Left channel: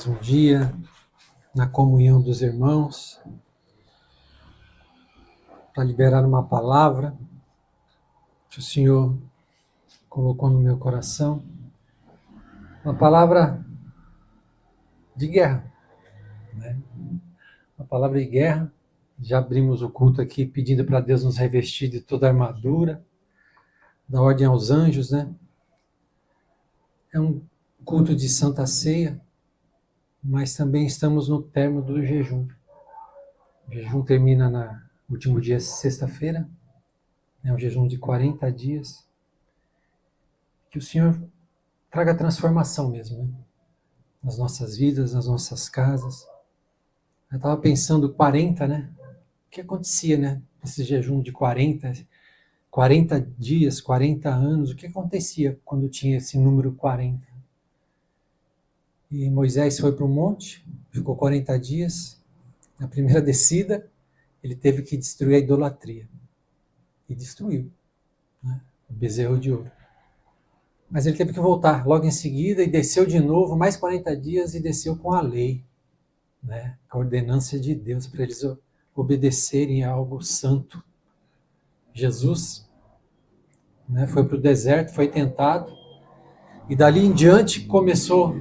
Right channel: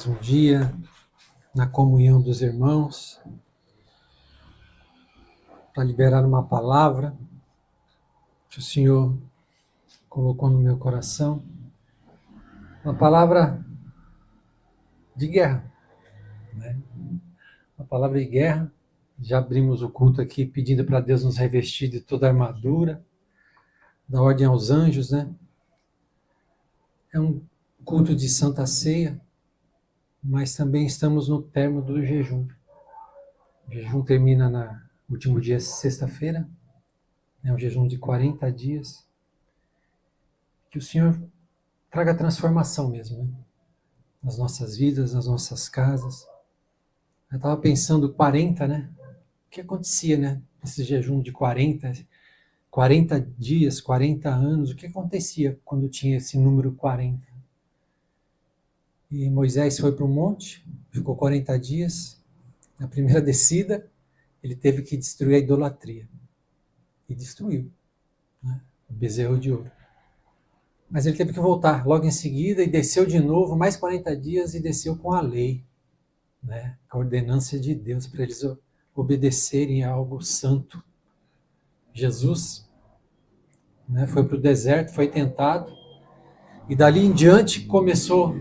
mais um dia na comunhão dos irmãos, para liberar uma palavra que o Senhor colocou no meu coração, uma palavra de guerra, né? Uma palavra de guerra. Já abrimos o culto aqui pedindo para Deus nos revestir de toda a armadura, da ordem aos anjos, né? É um culto de Santa Ceia, mas também estamos no termo do jejum. O jejum termina no último dia, sexta-feira. É um jejum de 40 dias. Que o Senhor traga transformação mesmo, né? Nas nossas vidas, nas nossas casas. Eu estava pensando 40, né? O que acontecia, né? Esse jejum de 40 dias, 40 anos. O que acontecia quando tinha esse número 40? E Moisés foi para o monte, ficou 40 dias. Na primeira descida, ele teve que destruir a idolatria. E destruiu, né? O bezerro de ouro. Mas ele teve que voltar logo em seguida e desceu de novo, mais 40 dias, e desceu com a lei, né? A ordenança de Deus, para eles obedecerem a algo santo. Jesus, né, foi para o deserto, foi tentado, e dali em diante começou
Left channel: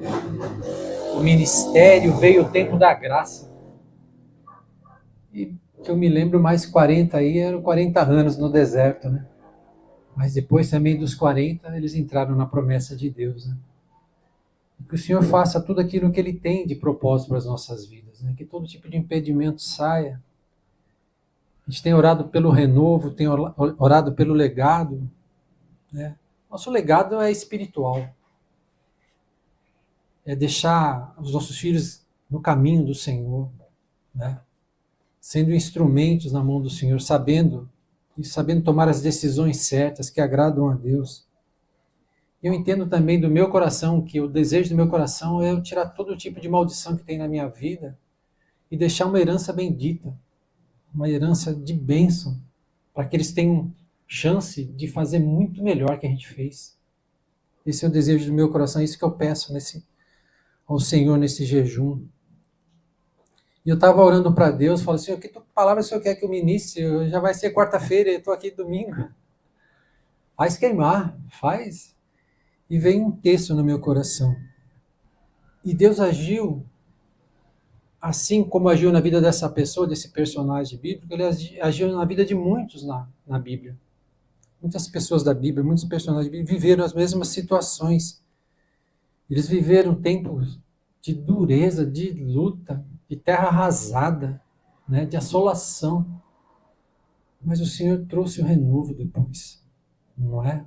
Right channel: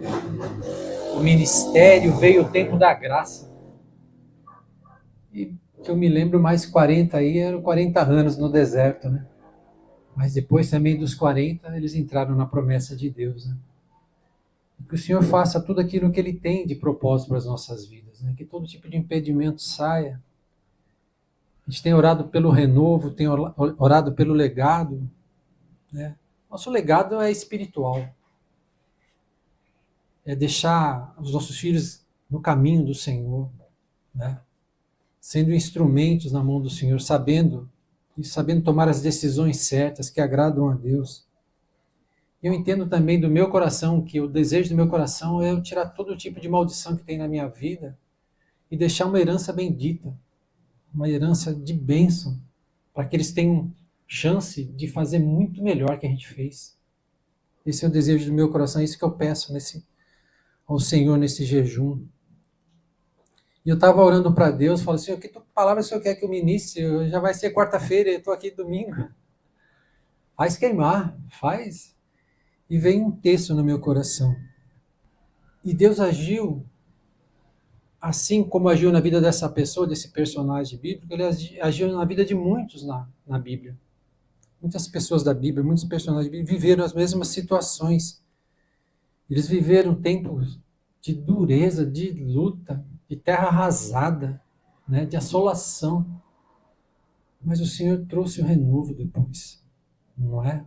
o ministério, veio o tempo da graça. E que eu me lembro, mais 40 aí, eram 40 anos no deserto, né? Mas depois também dos 40, eles entraram na promessa de Deus, né? Que o Senhor faça tudo aquilo que Ele tem de propósito para as nossas vidas, né? Que todo tipo de impedimento saia. A gente tem orado pelo renovo, tem orado pelo legado, né? Nosso legado é espiritual. É deixar os nossos filhos no caminho do Senhor, né? Sendo instrumentos na mão do Senhor, sabendo tomar as decisões certas que agradam a Deus. Eu entendo também do meu coração que o desejo do meu coração é eu tirar todo tipo de maldição que tem na minha vida e deixar uma herança bendita, uma herança de bênção, para que eles tenham chance de fazer muito melhor que a gente fez. Esse é o desejo do meu coração, é isso que eu peço ao Senhor nesse jejum. E eu estava orando para Deus, falando assim, que palavra o Senhor quer que eu ministre? Já vai ser quarta-feira, eu estou aqui domingo. Faz queimar, faz. E veio um texto no meu coração. E Deus agiu, assim como agiu na vida dessa pessoa, desse personagem bíblico, Ele agiu na vida de muitos na Bíblia. Muitas pessoas da Bíblia, muitos personagens bíblicos viveram as mesmas situações. Eles viveram tempos de dureza, de luta, de terra arrasada, né, de assolação. Mas o Senhor trouxe o renovo depois, não é?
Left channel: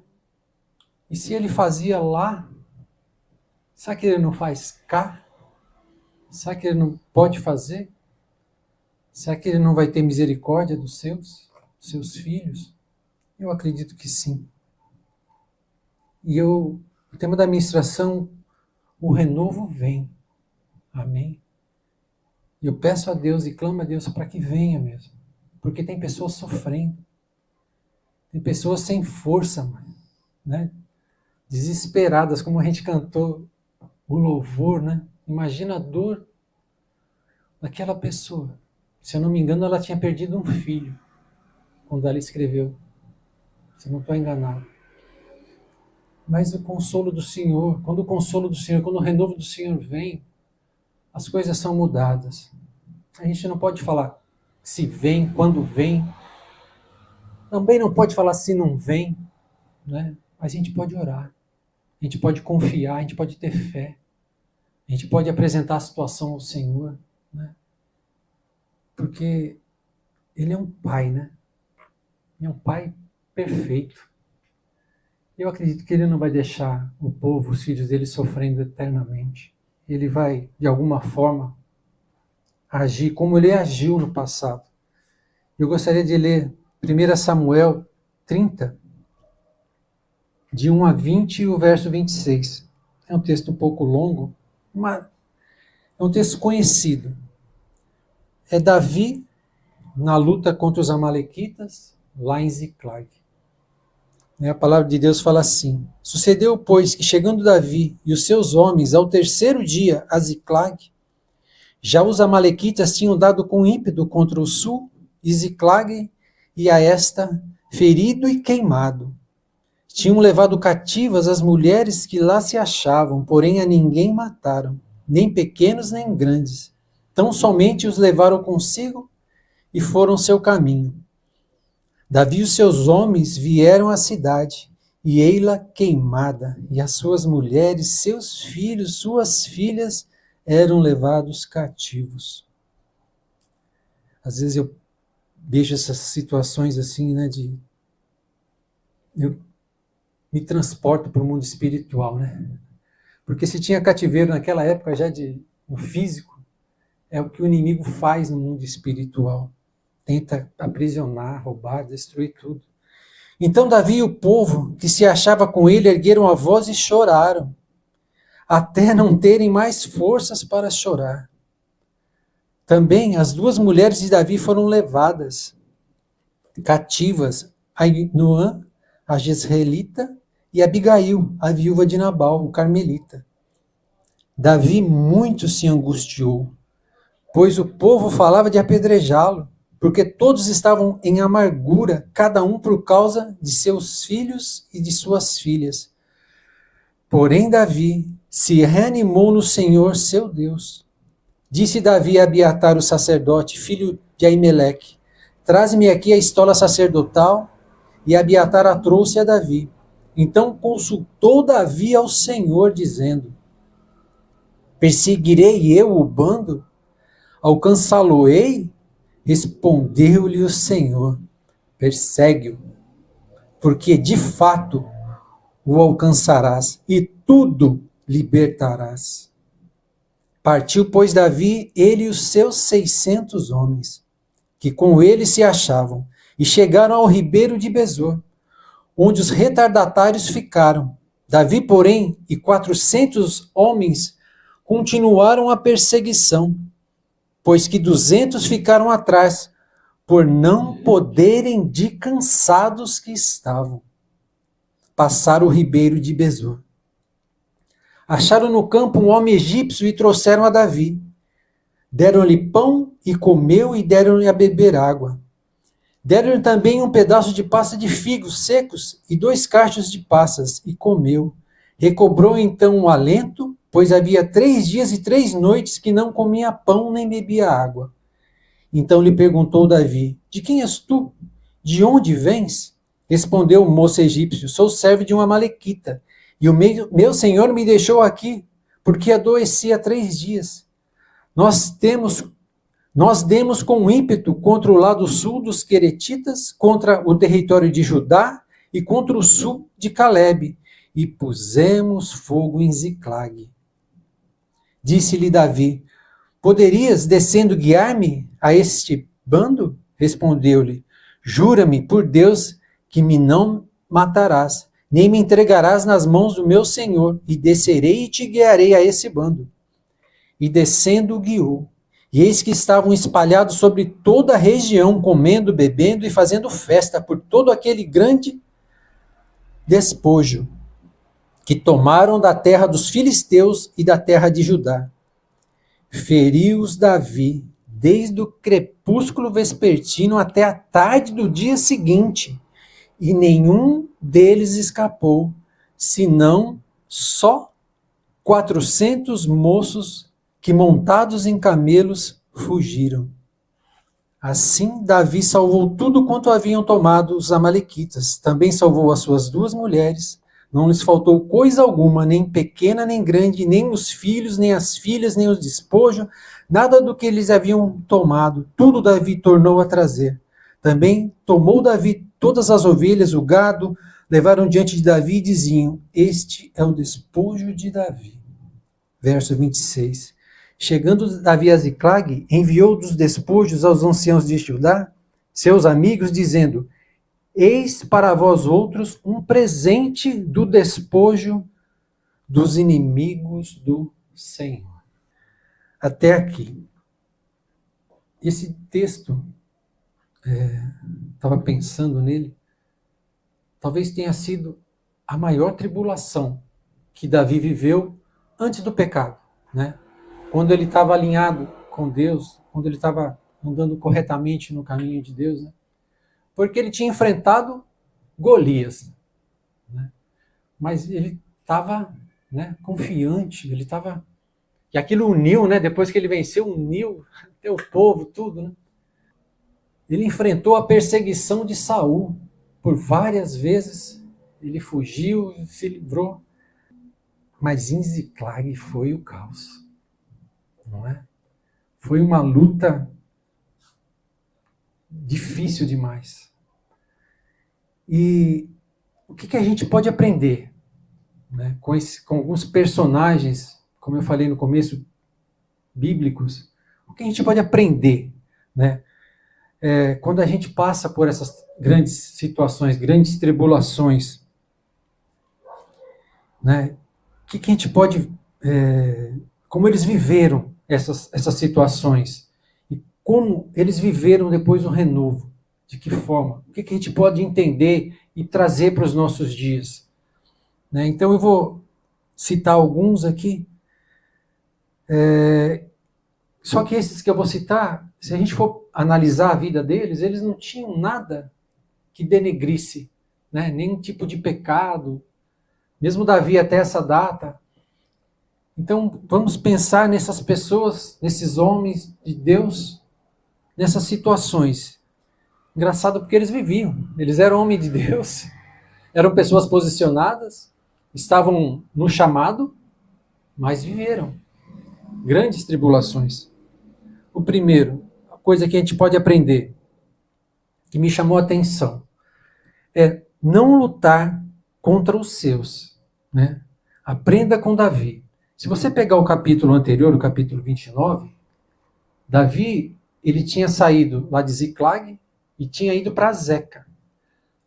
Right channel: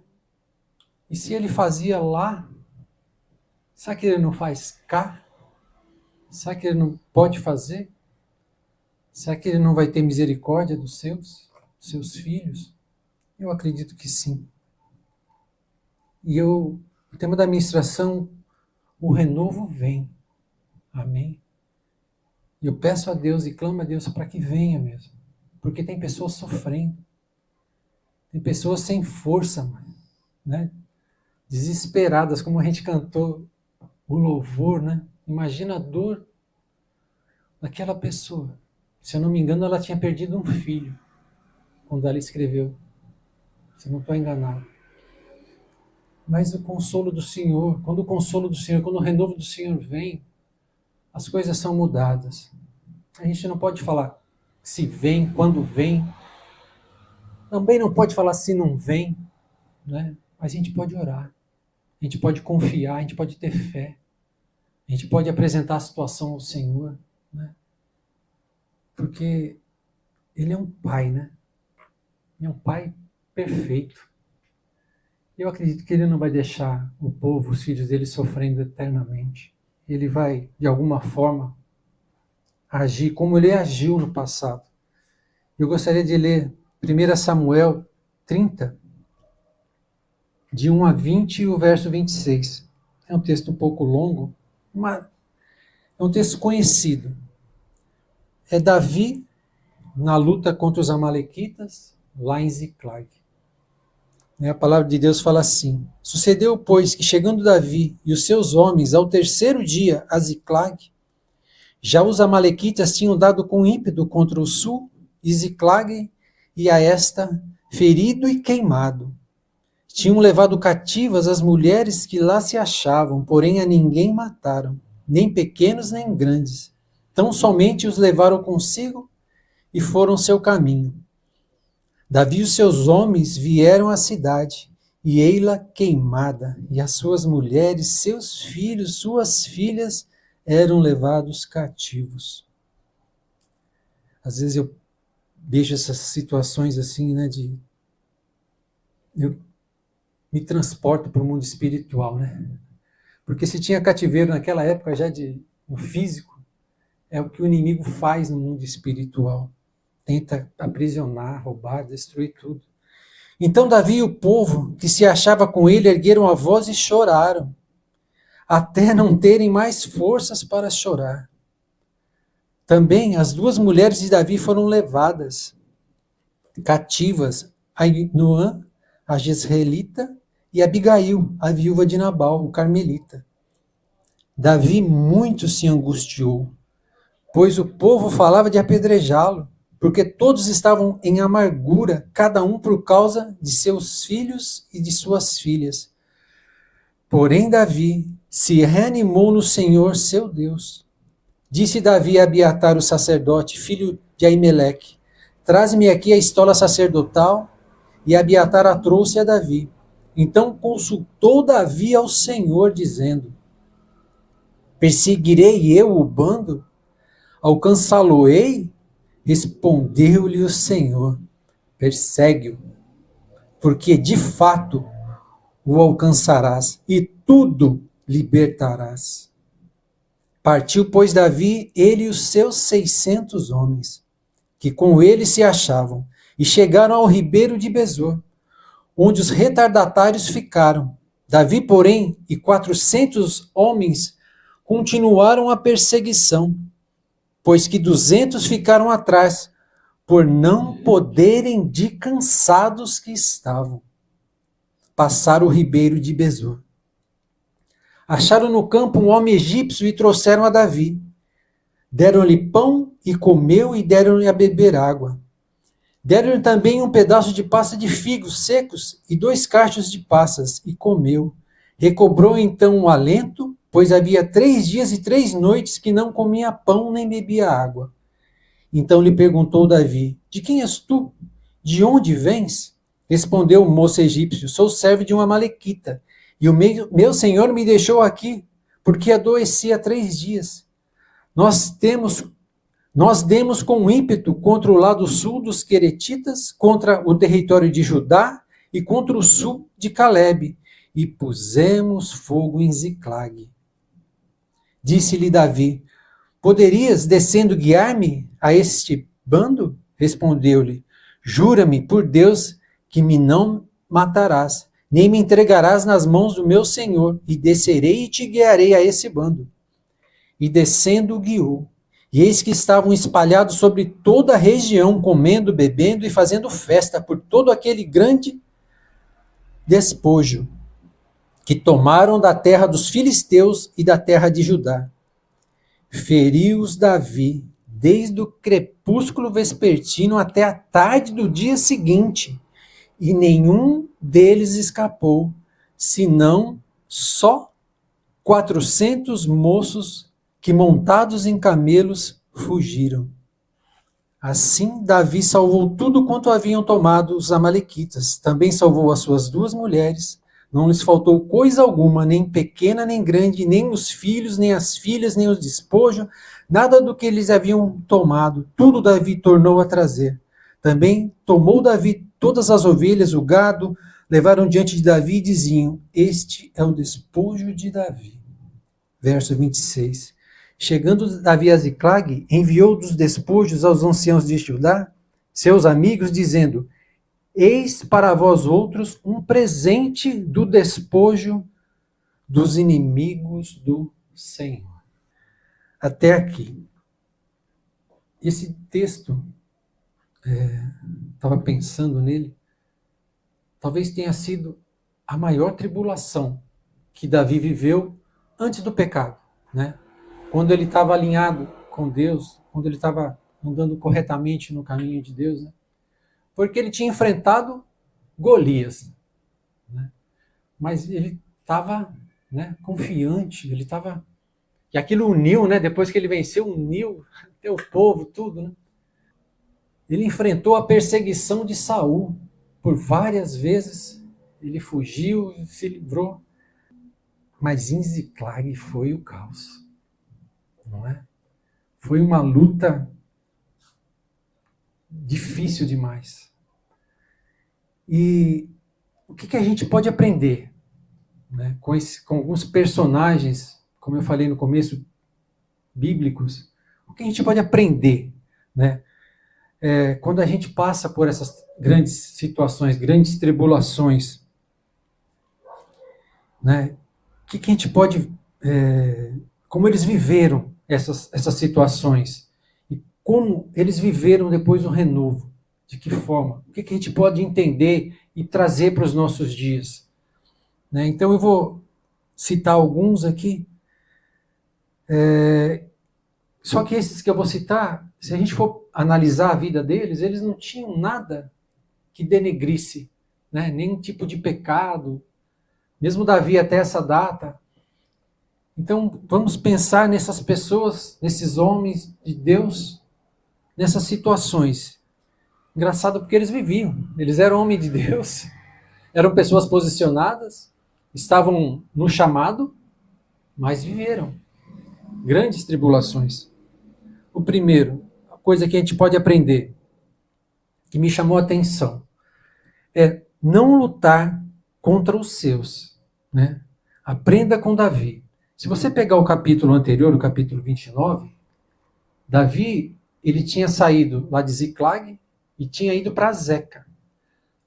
E se Ele fazia lá, será que Ele não faz cá? Será que Ele não pode fazer? Será que Ele não vai ter misericórdia dos seus filhos? Eu acredito que sim. E o tema da ministração, o renovo vem. Amém? Eu peço a Deus e clamo a Deus para que venha mesmo. Porque tem pessoas sofrendo. Tem pessoas sem força, né? Desesperadas, como a gente cantou o louvor, né? Imagina a dor daquela pessoa. Se eu não me engano, ela tinha perdido um filho quando ela escreveu. Se não estou enganado. Mas o consolo do Senhor, quando o renovo do Senhor vem, as coisas são mudadas. A gente não pode falar se vem, quando vem. Também não pode falar se não vem, né? Mas a gente pode orar. A gente pode confiar, a gente pode ter fé. A gente pode apresentar a situação ao Senhor, né? Porque Ele é um Pai, né? Ele é um Pai perfeito. Eu acredito que Ele não vai deixar o povo, os filhos dele, sofrendo eternamente. Ele vai, de alguma forma, agir como Ele agiu no passado. Eu gostaria de ler 1 Samuel 30, de 1 a 20 e o verso 26. É um texto um pouco longo, mas é um texto conhecido. É Davi na luta contra os amalequitas, lá em Ziclag. A palavra de Deus fala assim: sucedeu, pois, que chegando Davi e os seus homens ao terceiro dia a Ziclag, já os amalequitas tinham dado com ímpeto contra o sul, e Ziclag e a esta ferido e queimado. Tinham levado cativas as mulheres que lá se achavam, porém a ninguém mataram, nem pequenos nem grandes. Tão somente os levaram consigo e foram seu caminho. Davi e os seus homens vieram à cidade, e ei-la queimada, e as suas mulheres, seus filhos, suas filhas eram levados cativos. Às vezes eu vejo essas situações assim, né, eu me transporto para o mundo espiritual, né? Porque se tinha cativeiro naquela época já no físico, é o que o inimigo faz no mundo espiritual. Tenta aprisionar, roubar, destruir tudo. Então Davi e o povo que se achava com ele ergueram a voz e choraram, até não terem mais forças para chorar. Também as duas mulheres de Davi foram levadas cativas, Ainoã, a jezreelita, e Abigail, a viúva de Nabal, o carmelita. Davi muito se angustiou, pois o povo falava de apedrejá-lo, porque todos estavam em amargura, cada um por causa de seus filhos e de suas filhas. Porém Davi se reanimou no Senhor seu Deus. Disse Davi a Abiatar, o sacerdote, filho de Aimeleque: traze-me aqui a estola sacerdotal. E Abiatar a trouxe a Davi. Então consultou Davi ao Senhor, dizendo: perseguirei eu o bando? Alcançá-lo-ei? Respondeu-lhe o Senhor: persegue-o, porque de fato o alcançarás e tudo libertarás. Partiu, pois, Davi, ele e os seus 600 homens, que com ele se achavam, e chegaram ao ribeiro de Besor, onde os retardatários ficaram. Davi, porém, e 400 homens continuaram a perseguição, pois que 200 ficaram atrás, por não poderem de cansados que estavam. Passaram o ribeiro de Besor. Acharam no campo um homem egípcio e trouxeram a Davi. Deram-lhe pão e comeu, e deram-lhe a beber água. Deram-lhe também um pedaço de pasta de figos secos e 2 cachos de passas, e comeu. Recobrou então o alento, pois havia 3 dias e 3 noites que não comia pão nem bebia água. Então lhe perguntou Davi: de quem és tu? De onde vens? Respondeu o moço egípcio: sou servo de uma amalequita, e o meu senhor me deixou aqui, porque adoeci há 3 dias. Nós demos com ímpeto contra o lado sul dos Queretitas, contra o território de Judá e contra o sul de Calebe, e pusemos fogo em Ziclag. Disse-lhe Davi: poderias, descendo, guiar-me a este bando? Respondeu-lhe: jura-me por Deus que me não matarás, nem me entregarás nas mãos do meu senhor, e descerei e te guiarei a esse bando. E descendo o guiou. E eis que estavam espalhados sobre toda a região, comendo, bebendo e fazendo festa por todo aquele grande despojo que tomaram da terra dos filisteus e da terra de Judá. Feriu-os Davi desde o crepúsculo vespertino até a tarde do dia seguinte, e nenhum deles escapou, senão só 400 moços que, montados em camelos, fugiram. Assim, Davi salvou tudo quanto haviam tomado os amalequitas. Também salvou as suas 2 mulheres. Não lhes faltou coisa alguma, nem pequena nem grande, nem os filhos, nem as filhas, nem os despojos, nada do que eles haviam tomado. Tudo Davi tornou a trazer. Também tomou Davi todas as ovelhas, o gado, levaram diante de Davi e diziam: este é o despojo de Davi. Verso 26. Chegando Davi a Ziclag, enviou dos despojos aos anciãos de Judá, seus amigos, dizendo: eis para vós outros um presente do despojo dos inimigos do Senhor. Até aqui. Esse texto, estava pensando nele, talvez tenha sido a maior tribulação que Davi viveu antes do pecado, né? Quando ele estava alinhado com Deus, quando ele estava andando corretamente no caminho de Deus, né? Porque ele tinha enfrentado Golias, né? Mas ele estava, né, confiante, ele estava... E aquilo uniu, né? Depois que ele venceu, uniu até o povo, tudo, né? Ele enfrentou a perseguição de Saul por várias vezes. Ele fugiu e se livrou. Mas em Ziclag foi o caos, não é? Foi uma luta difícil demais. E o que a gente pode aprender, né, com alguns personagens, como eu falei no começo, bíblicos? O que a gente pode aprender, né? Quando a gente passa por essas grandes situações, grandes tribulações, né? O que a gente pode... como eles viveram essas situações e como eles viveram depois o renovo, de que forma, o que a gente pode entender e trazer para os nossos dias, né? Então eu vou citar alguns aqui, só que esses que eu vou citar, se a gente for analisar a vida deles, eles não tinham nada que denegrisse, né? Nenhum tipo de pecado, mesmo Davi até essa data. Então, vamos pensar nessas pessoas, nesses homens de Deus, nessas situações. Engraçado porque eles viviam, eles eram homens de Deus, eram pessoas posicionadas, estavam no chamado, mas viveram grandes tribulações. O primeiro, a coisa que a gente pode aprender, que me chamou a atenção, é não lutar contra os seus, né? Aprenda com Davi. Se você pegar o capítulo anterior, o capítulo 29, Davi, ele tinha saído lá de Ziclag e tinha ido para Zeca.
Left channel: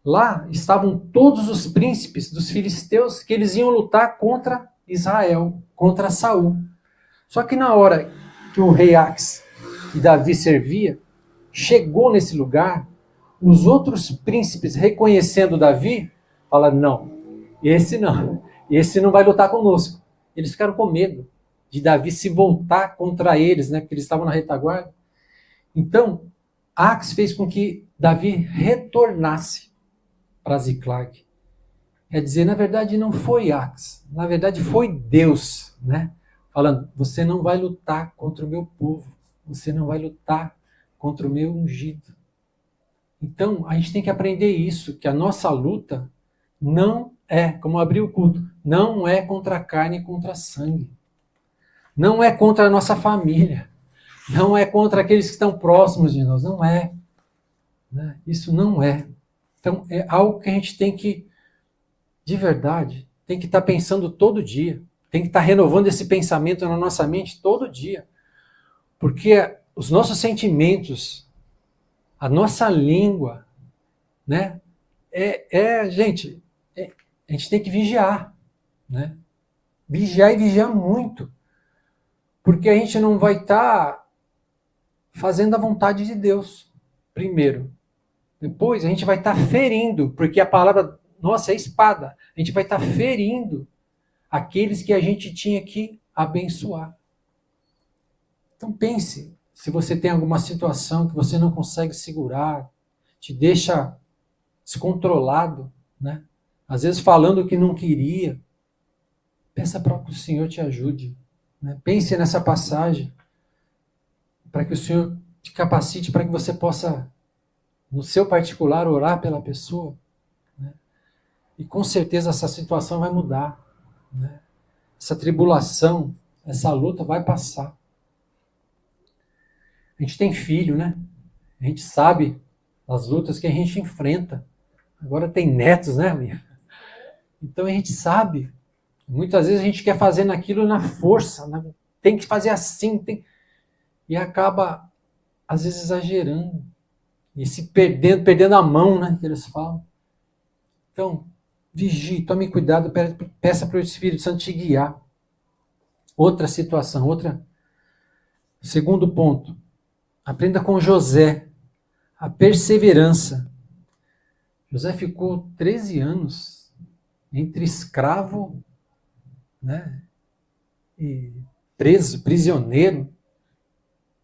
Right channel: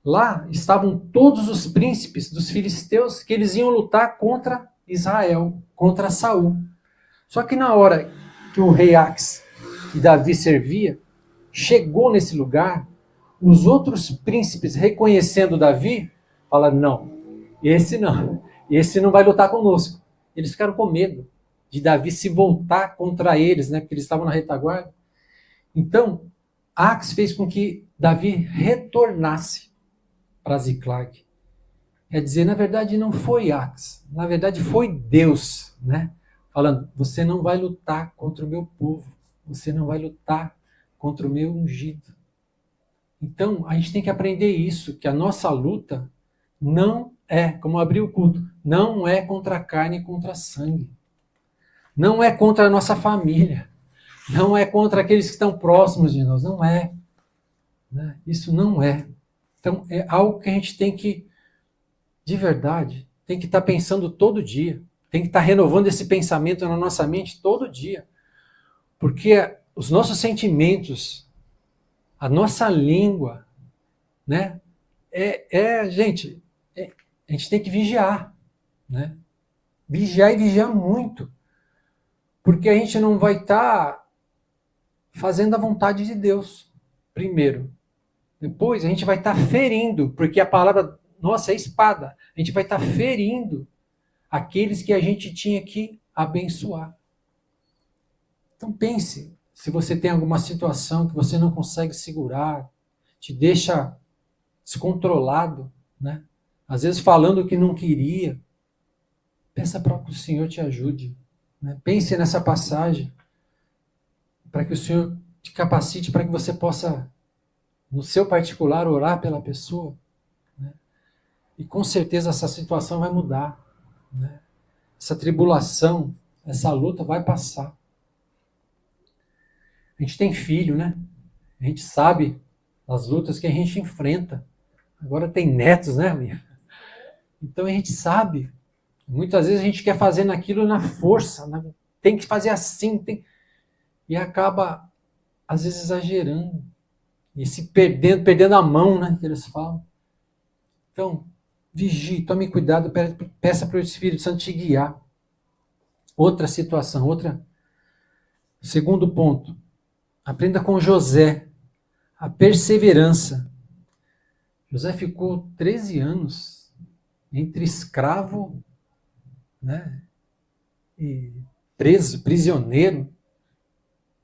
Lá estavam todos os príncipes dos filisteus que eles iam lutar contra Israel, contra Saul. Só que na hora que o rei Ax, que Davi servia, chegou nesse lugar, os outros príncipes, reconhecendo Davi, falaram, não, esse não vai lutar conosco. Eles ficaram com medo de Davi se voltar contra eles, né, porque eles estavam na retaguarda. Então, Ax fez com que Davi retornasse para Ziclag. Quer dizer, na verdade não foi Ax, na verdade foi Deus, né, falando, você não vai lutar contra o meu povo, você não vai lutar contra o meu ungido. Então, a gente tem que aprender isso, que a nossa luta não é, como abrir o culto, não é contra a carne e contra a sangue. Não é contra a nossa família. Não é contra aqueles que estão próximos de nós. Não é. Né? Isso não é. Então, é algo que a gente tem que, de verdade, tem que estar pensando todo dia. Tem que estar renovando esse pensamento na nossa mente todo dia. Porque os nossos sentimentos, a nossa língua, né? Gente, a gente tem que vigiar, né? Vigiar e vigiar muito. Porque a gente não vai estar fazendo a vontade de Deus, primeiro. Depois a gente vai estar ferindo, porque a palavra nossa é espada. A gente vai estar ferindo aqueles que a gente tinha que abençoar. Então pense, se você tem alguma situação que você não consegue segurar, te deixa descontrolado, né? Às vezes falando o que não queria, peça para que o Senhor te ajude. Né? Pense nessa passagem, para que o Senhor te capacite, para que você possa, no seu particular, orar pela pessoa. Né? E com certeza essa situação vai mudar. Né? Essa tribulação, essa luta vai passar. A gente tem filho, né? A gente sabe as lutas que a gente enfrenta. Agora tem netos, né, Lia? Então a gente sabe. Muitas vezes a gente quer fazer naquilo na força, né? Tem que fazer assim, e acaba, às vezes, exagerando. E se perdendo a mão, né, que eles falam. Então, vigie, tome cuidado, peça para o Espírito Santo te guiar. Outra situação, segundo ponto. Aprenda com José a perseverança. José ficou 13 anos entre escravo, né, e preso, prisioneiro.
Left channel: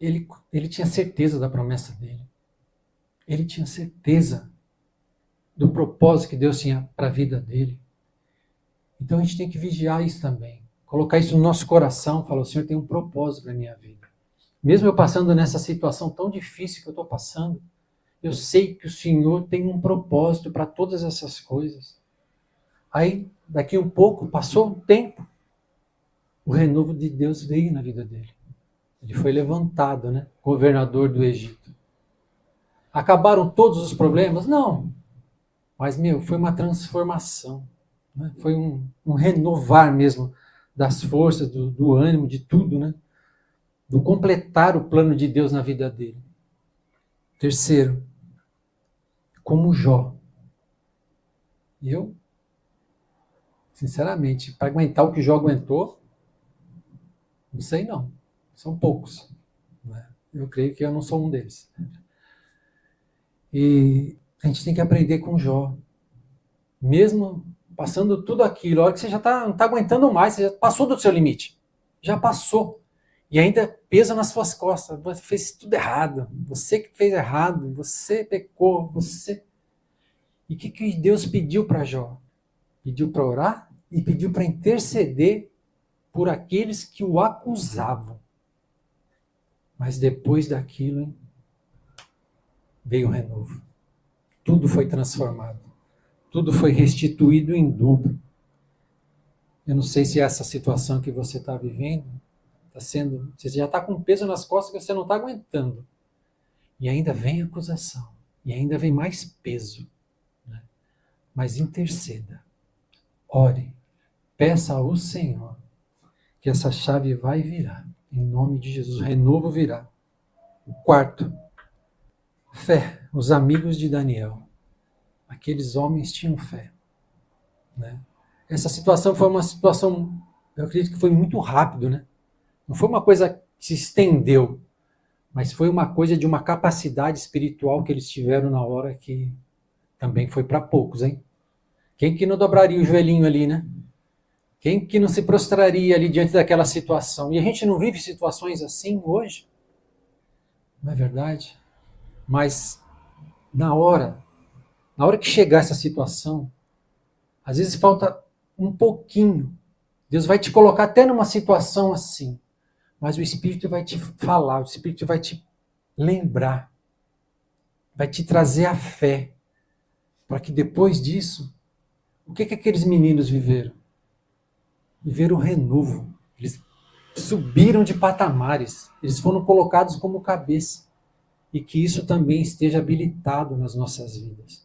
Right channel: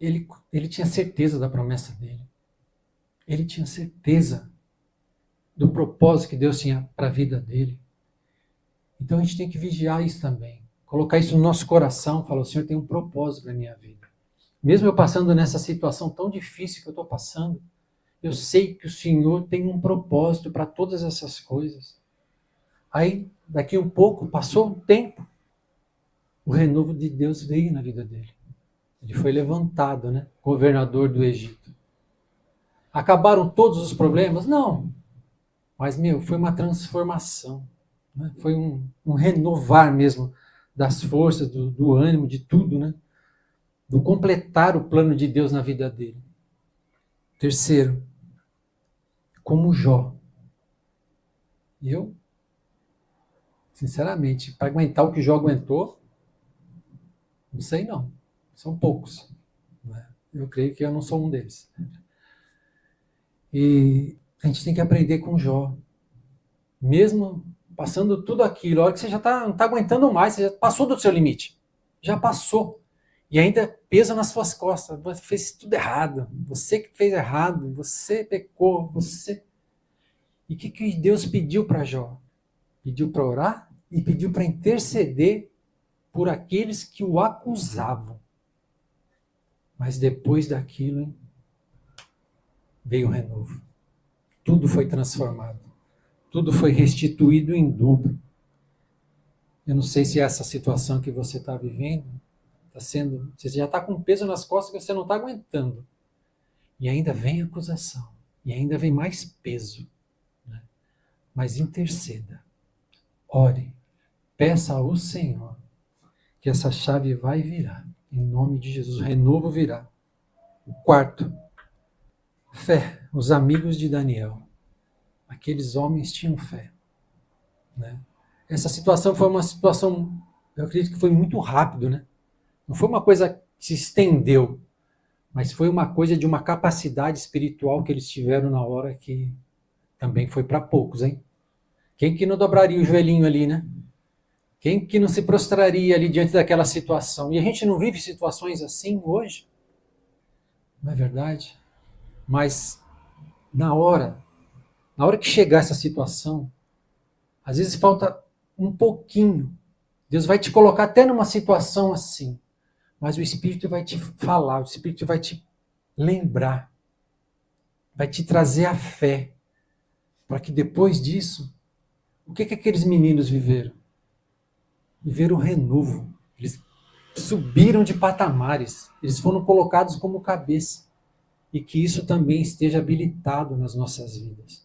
Ele tinha certeza da promessa dele. Ele tinha certeza do propósito que Deus tinha para a vida dele. Então a gente tem que vigiar isso também. Colocar isso no nosso coração, falar, o Senhor tem um propósito para a minha vida. Mesmo eu passando nessa situação tão difícil que eu estou passando, eu sei que o Senhor tem um propósito para todas essas coisas. Aí, daqui um pouco, passou um tempo, o renovo de Deus veio na vida dele. Ele foi levantado, né? Governador do Egito. Acabaram todos os problemas? Não. Mas, foi uma transformação. Né? Foi um renovar mesmo das forças, do ânimo, de tudo, né? Do completar o plano de Deus na vida dele. Terceiro, como Jó. Eu, sinceramente, para aguentar o que Jó aguentou, não sei não. São poucos. Né? Eu creio que eu não sou um deles. E a gente tem que aprender com Jó. Mesmo passando tudo aquilo, a hora que você já não está aguentando mais, você já passou do seu limite. Já passou. E ainda pesa nas suas costas. Você fez tudo errado. Você que fez errado. Você pecou. Você. E o que Deus pediu para Jó? Pediu para orar e pediu para interceder por aqueles que o acusavam. Mas depois daquilo, veio o renovo. Tudo foi transformado. Tudo foi restituído em dobro. Eu não sei se essa situação que você está vivendo está sendo. Você já está com peso nas costas que você não está aguentando. E ainda vem acusação. E ainda vem mais peso. Né? Mas interceda. Ore. Peça ao Senhor que essa chave vai virar. Em nome de Jesus. O renovo virá. O quarto. Fé. Os amigos de Daniel. Aqueles homens tinham fé. Né? Essa situação foi uma situação, eu acredito que foi muito rápido, né? Não foi uma coisa que se estendeu, mas foi uma coisa de uma capacidade espiritual que eles tiveram na hora que também foi para poucos, hein? Quem que não dobraria o joelhinho ali, né? Quem que não se prostraria ali diante daquela situação? E a gente não vive situações assim hoje, não é verdade? Mas na hora que chegar essa situação, às vezes falta um pouquinho. Deus vai te colocar até numa situação assim, mas o Espírito vai te falar, o Espírito vai te lembrar, vai te trazer a fé, para que depois disso, o que aqueles meninos viveram? Viveram o renovo. Eles subiram de patamares, eles foram colocados como cabeça, e que isso também esteja habilitado nas nossas vidas.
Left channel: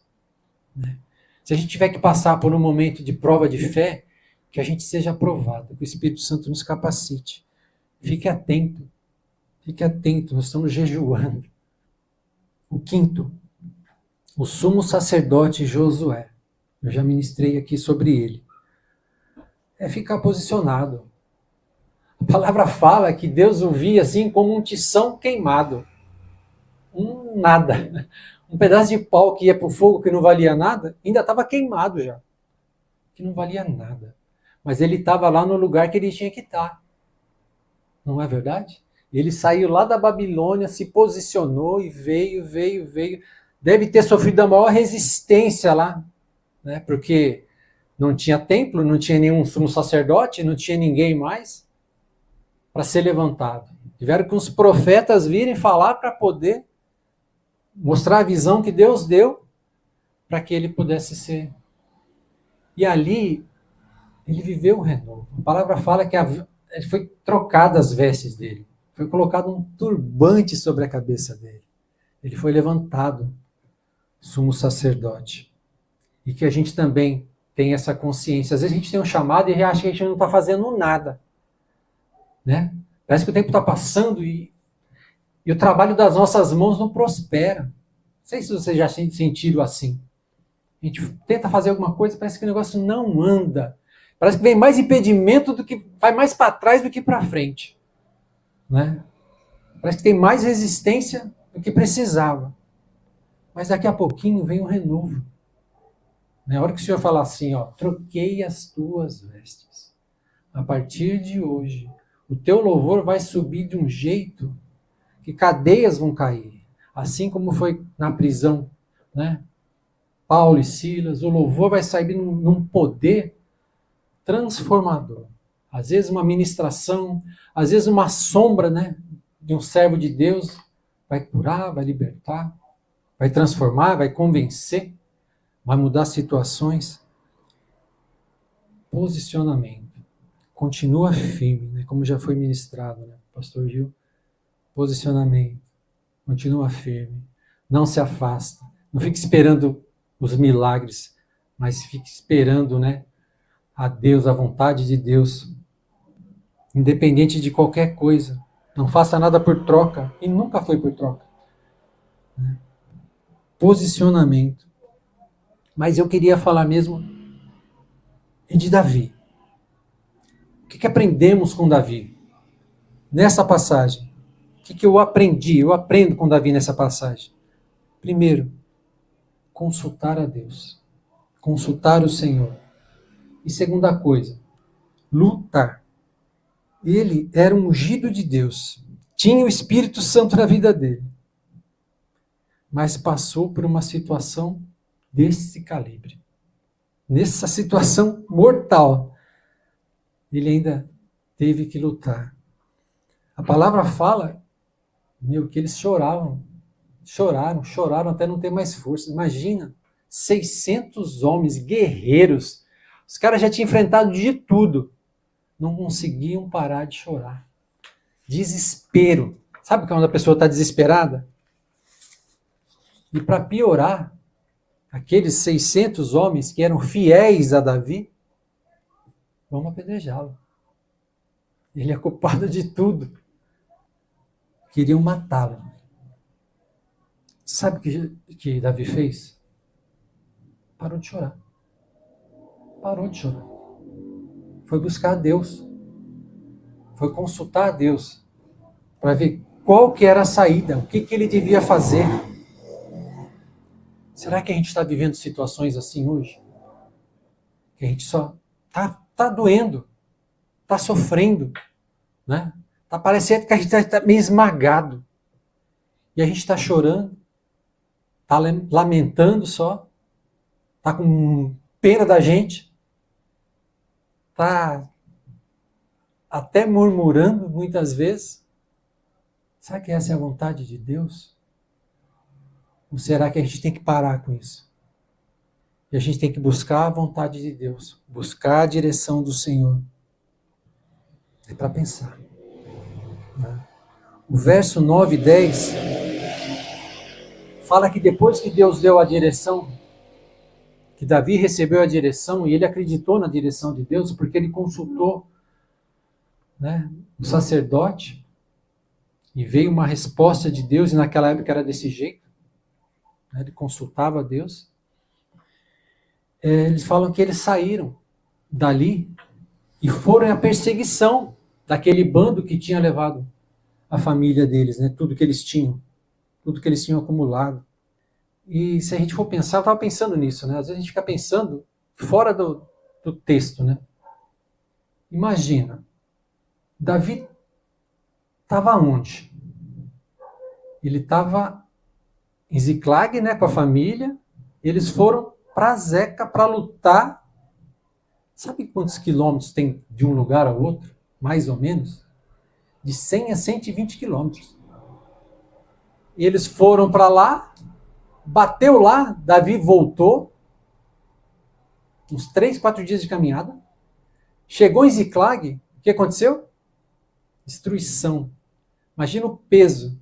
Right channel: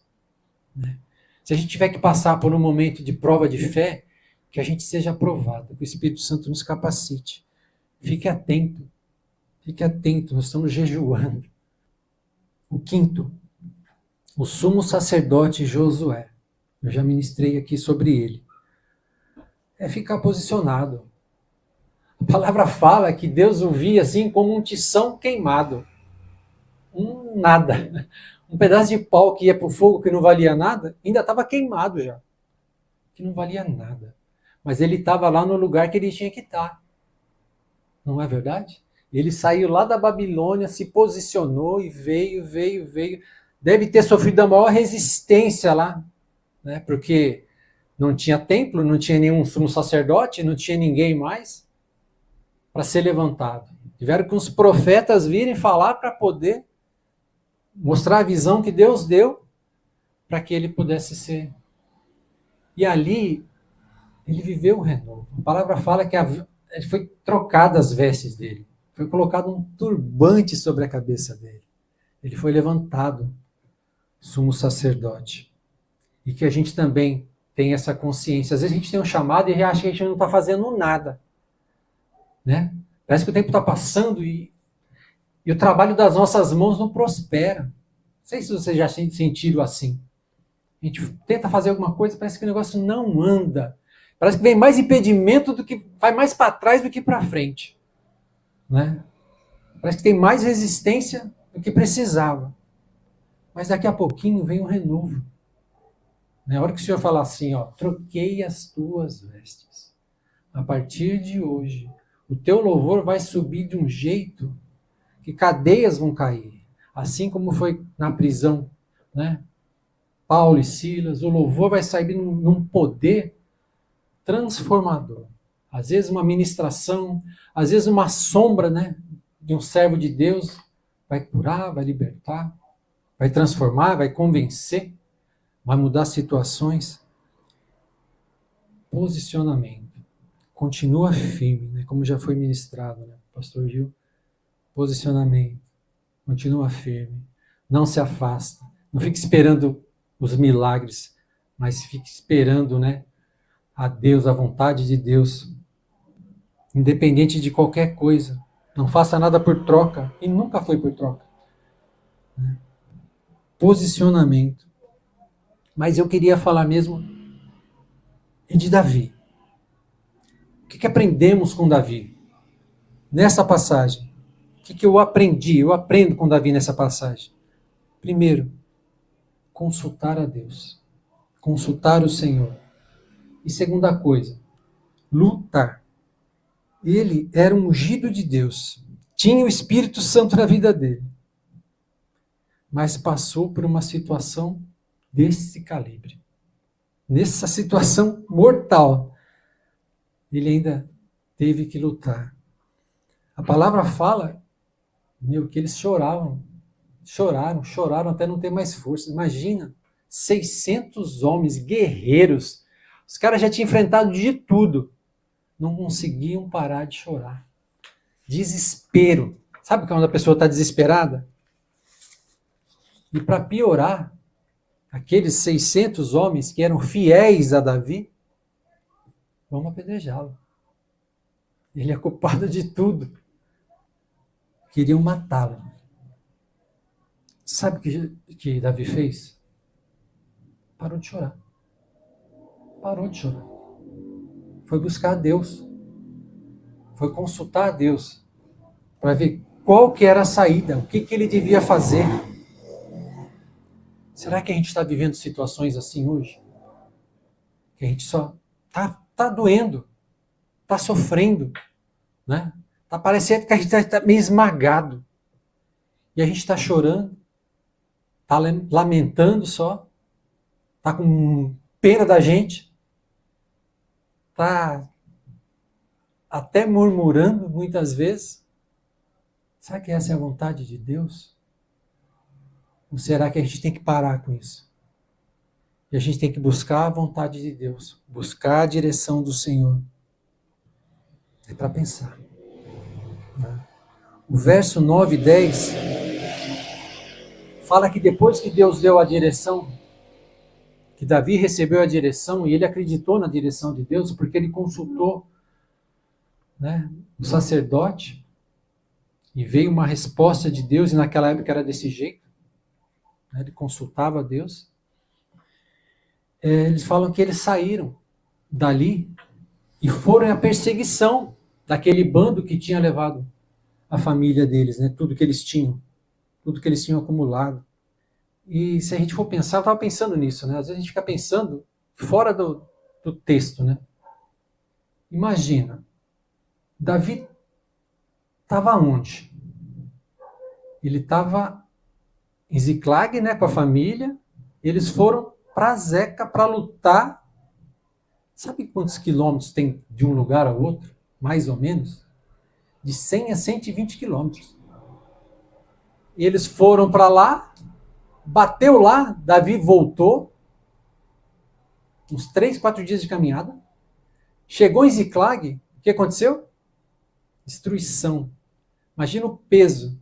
Né? Se a gente tiver que passar por um momento de prova de fé, que a gente seja aprovado, que o Espírito Santo nos capacite. Fique atento, nós estamos jejuando. O quinto, o sumo sacerdote Josué. Eu já ministrei aqui sobre ele. É ficar posicionado. A palavra fala que Deus o via assim como um tição queimado. Nada. Um pedaço de pau que ia para o fogo que não valia nada, ainda estava queimado já. Que não valia nada. Mas ele estava lá no lugar que ele tinha que estar. Não é verdade? Ele saiu lá da Babilônia, se posicionou e veio. Deve ter sofrido a maior resistência lá, né? Porque não tinha templo, não tinha nenhum sumo sacerdote, não tinha ninguém mais para ser levantado. Tiveram que os profetas virem falar para poder mostrar a visão que Deus deu para que ele pudesse ser. E ali, ele viveu o renovo. A palavra fala que foi trocada as vestes dele. Foi colocado um turbante sobre a cabeça dele. Ele foi levantado, sumo sacerdote. E que a gente também tem essa consciência. Às vezes a gente tem um chamado e já acha que a gente não está fazendo nada. Né? Parece que o tempo está passando e o trabalho das nossas mãos não prospera. Não sei se vocês já sentiram assim. A gente tenta fazer alguma coisa, parece que o negócio não anda. Parece que vem mais impedimento do que vai mais para trás do que para frente. Né? Parece que tem mais resistência do que precisava. Mas daqui a pouquinho vem um renovo. Na hora que o Senhor falar assim, ó, troquei as tuas vestes. A partir de hoje, o teu louvor vai subir de um jeito que cadeias vão cair. Assim como foi na prisão, né? Paulo e Silas, o louvor vai sair num poder transformador. Às vezes uma ministração, às vezes uma sombra, né, de um servo de Deus vai curar, vai libertar, vai transformar, vai convencer, vai mudar situações. Posicionamento. Continua firme, né, como já foi ministrado, né, Pastor Gil. Posicionamento. Continua firme. Não se afasta. Não fique esperando os milagres, mas fique esperando, né, a Deus, a vontade de Deus, independente de qualquer coisa. Não faça nada por troca, e nunca foi por troca. Posicionamento. Mas eu queria falar mesmo de Davi. O que aprendemos com Davi? Nessa passagem. O que eu aprendi? Eu aprendo com Davi nessa passagem. Primeiro, consultar a Deus. Consultar o Senhor. E segunda coisa, lutar. Ele era um ungido de Deus. Tinha o Espírito Santo na vida dele. Mas passou por uma situação desse calibre. Nessa situação mortal, ele ainda teve que lutar. A palavra fala, que eles choraram até não ter mais força. Imagina, 600 homens guerreiros. Os caras já tinham enfrentado de tudo. Não conseguiam parar de chorar. Desespero. Sabe quando a pessoa está desesperada? E para piorar, aqueles 600 homens que eram fiéis a Davi, vamos apedrejá-lo. Ele é culpado de tudo. Queriam matá-lo. Sabe o que Davi fez? Parou de chorar. Parou de chorar. Foi buscar a Deus. Foi consultar a Deus para ver qual que era a saída, o que ele devia fazer. Será que a gente está vivendo situações assim hoje? Que a gente só tá doendo, tá sofrendo, né? Tá parecendo que a gente está meio esmagado. E a gente está chorando, tá lamentando só, tá com pena da gente, tá até murmurando muitas vezes. Será que essa é a vontade de Deus? Ou será que a gente tem que parar com isso? E a gente tem que buscar a vontade de Deus, buscar a direção do Senhor. É para pensar. O verso 9 e 10 fala que depois que Deus deu a direção, que Davi recebeu a direção e ele acreditou na direção de Deus, porque ele consultou, né, o sacerdote, e veio uma resposta de Deus, e naquela época era desse jeito, né, ele consultava a Deus. Eles falam que eles saíram dali e foram à perseguição daquele bando que tinha levado a família deles, né, tudo que eles tinham acumulado. E se a gente for pensar, eu estava pensando nisso, né? Às vezes a gente fica pensando fora do texto, né? Imagina, Davi estava onde? Ele estava em Ziclag, né, com a família. Eles foram para Zeca para lutar. Sabe quantos quilômetros tem de um lugar ao outro? Mais ou menos? De 100 a 120 quilômetros. E eles foram para lá, bateu lá, Davi voltou, uns 3, 4 dias de caminhada, chegou em Ziclag, o que aconteceu? Destruição. Imagina o peso,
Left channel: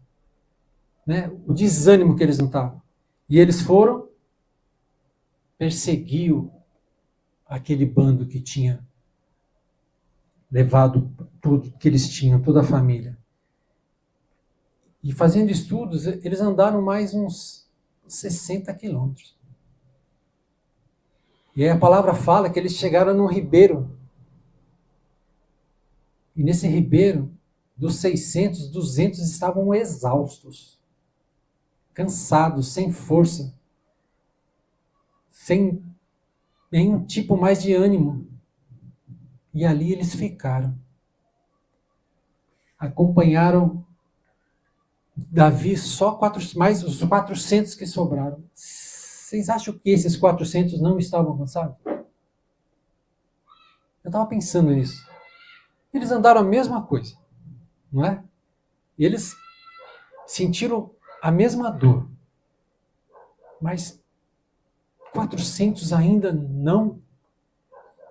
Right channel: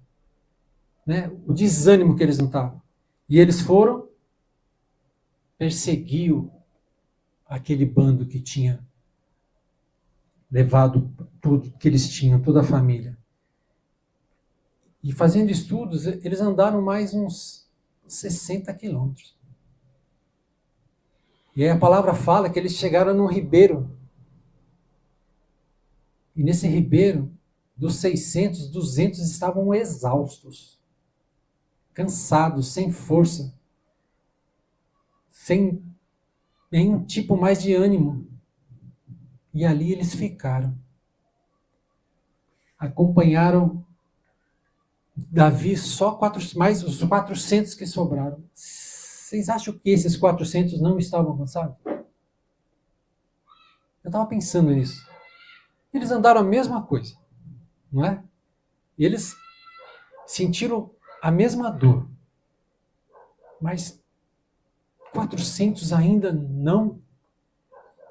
né? O desânimo que eles não estavam. E eles foram, perseguiu aquele bando que tinha levado tudo que eles tinham, toda a família. E fazendo estudos, eles andaram mais uns 60 quilômetros. E aí a palavra fala que eles chegaram num ribeiro. E nesse ribeiro, dos 600, 200 estavam exaustos, cansados, sem força, sem em um tipo mais de ânimo. E ali eles ficaram. Acompanharam Davi mais os 400 que sobraram. Vocês acham que esses 400 não estavam cansados? Eu estava pensando nisso. Eles andaram a mesma coisa, não é? E eles sentiram a mesma dor. Mas 400 ainda não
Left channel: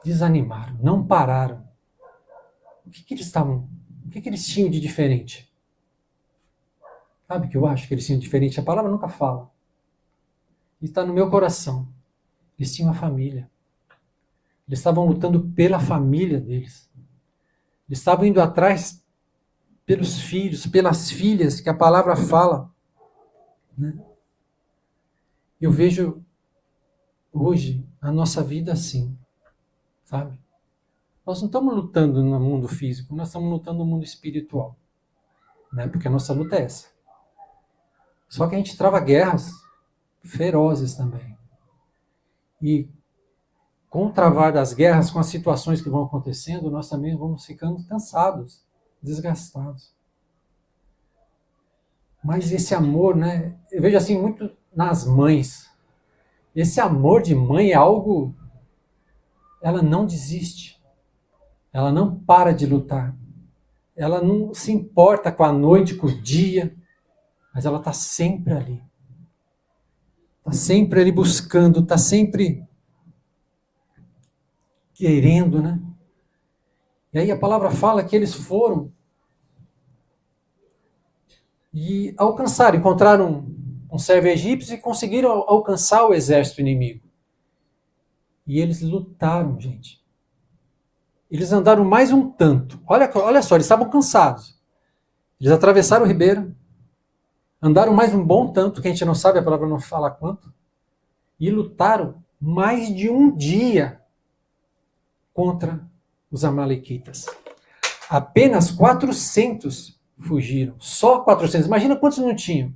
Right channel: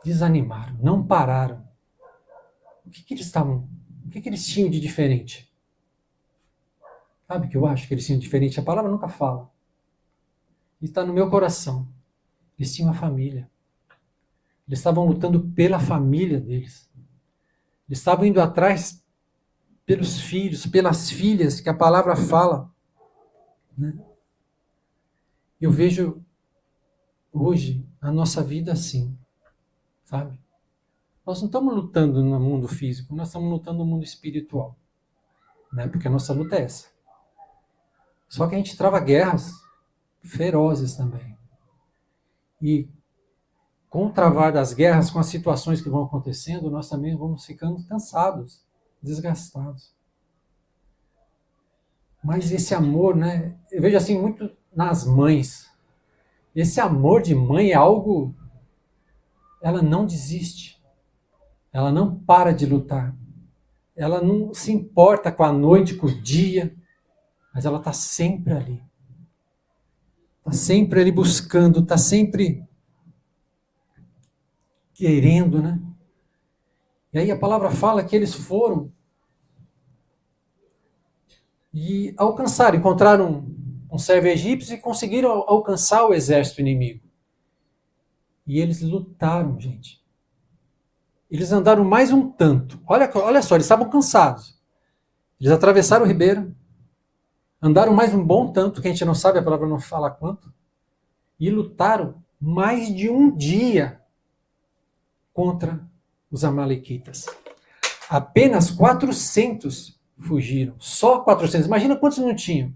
desanimaram, não pararam. O que eles tinham de diferente? Sabe o que eu acho que eles tinham de diferente? A palavra nunca fala. E está no meu coração. Eles tinham uma família. Eles estavam lutando pela família deles. Eles estavam indo atrás pelos filhos, pelas filhas, que a palavra fala. Né? Eu vejo hoje a nossa vida assim, sabe? Nós não estamos lutando no mundo físico, nós estamos lutando no mundo espiritual. Né? Porque a nossa luta é essa. Só que a gente trava guerras ferozes também. E com o travar das guerras, com as situações que vão acontecendo, nós também vamos ficando cansados, desgastados. Mas esse amor, né? Eu vejo assim muito nas mães. Esse amor de mãe é algo... Ela não desiste. Ela não para de lutar. Ela não se importa com a noite, com o dia, mas ela está sempre ali. Está sempre ali buscando, está sempre querendo, né? E aí a palavra fala que eles foram e alcançaram, encontraram um servo egípcio e conseguiram alcançar o exército inimigo. E eles lutaram, gente. Eles andaram mais um tanto. Olha só, eles estavam cansados. Eles atravessaram o ribeiro, andaram mais um bom tanto, que a gente não sabe, a palavra não fala quanto, e lutaram mais de um dia contra os amalequitas. Apenas 400 fugiram. Só 400. Imagina quantos não tinham.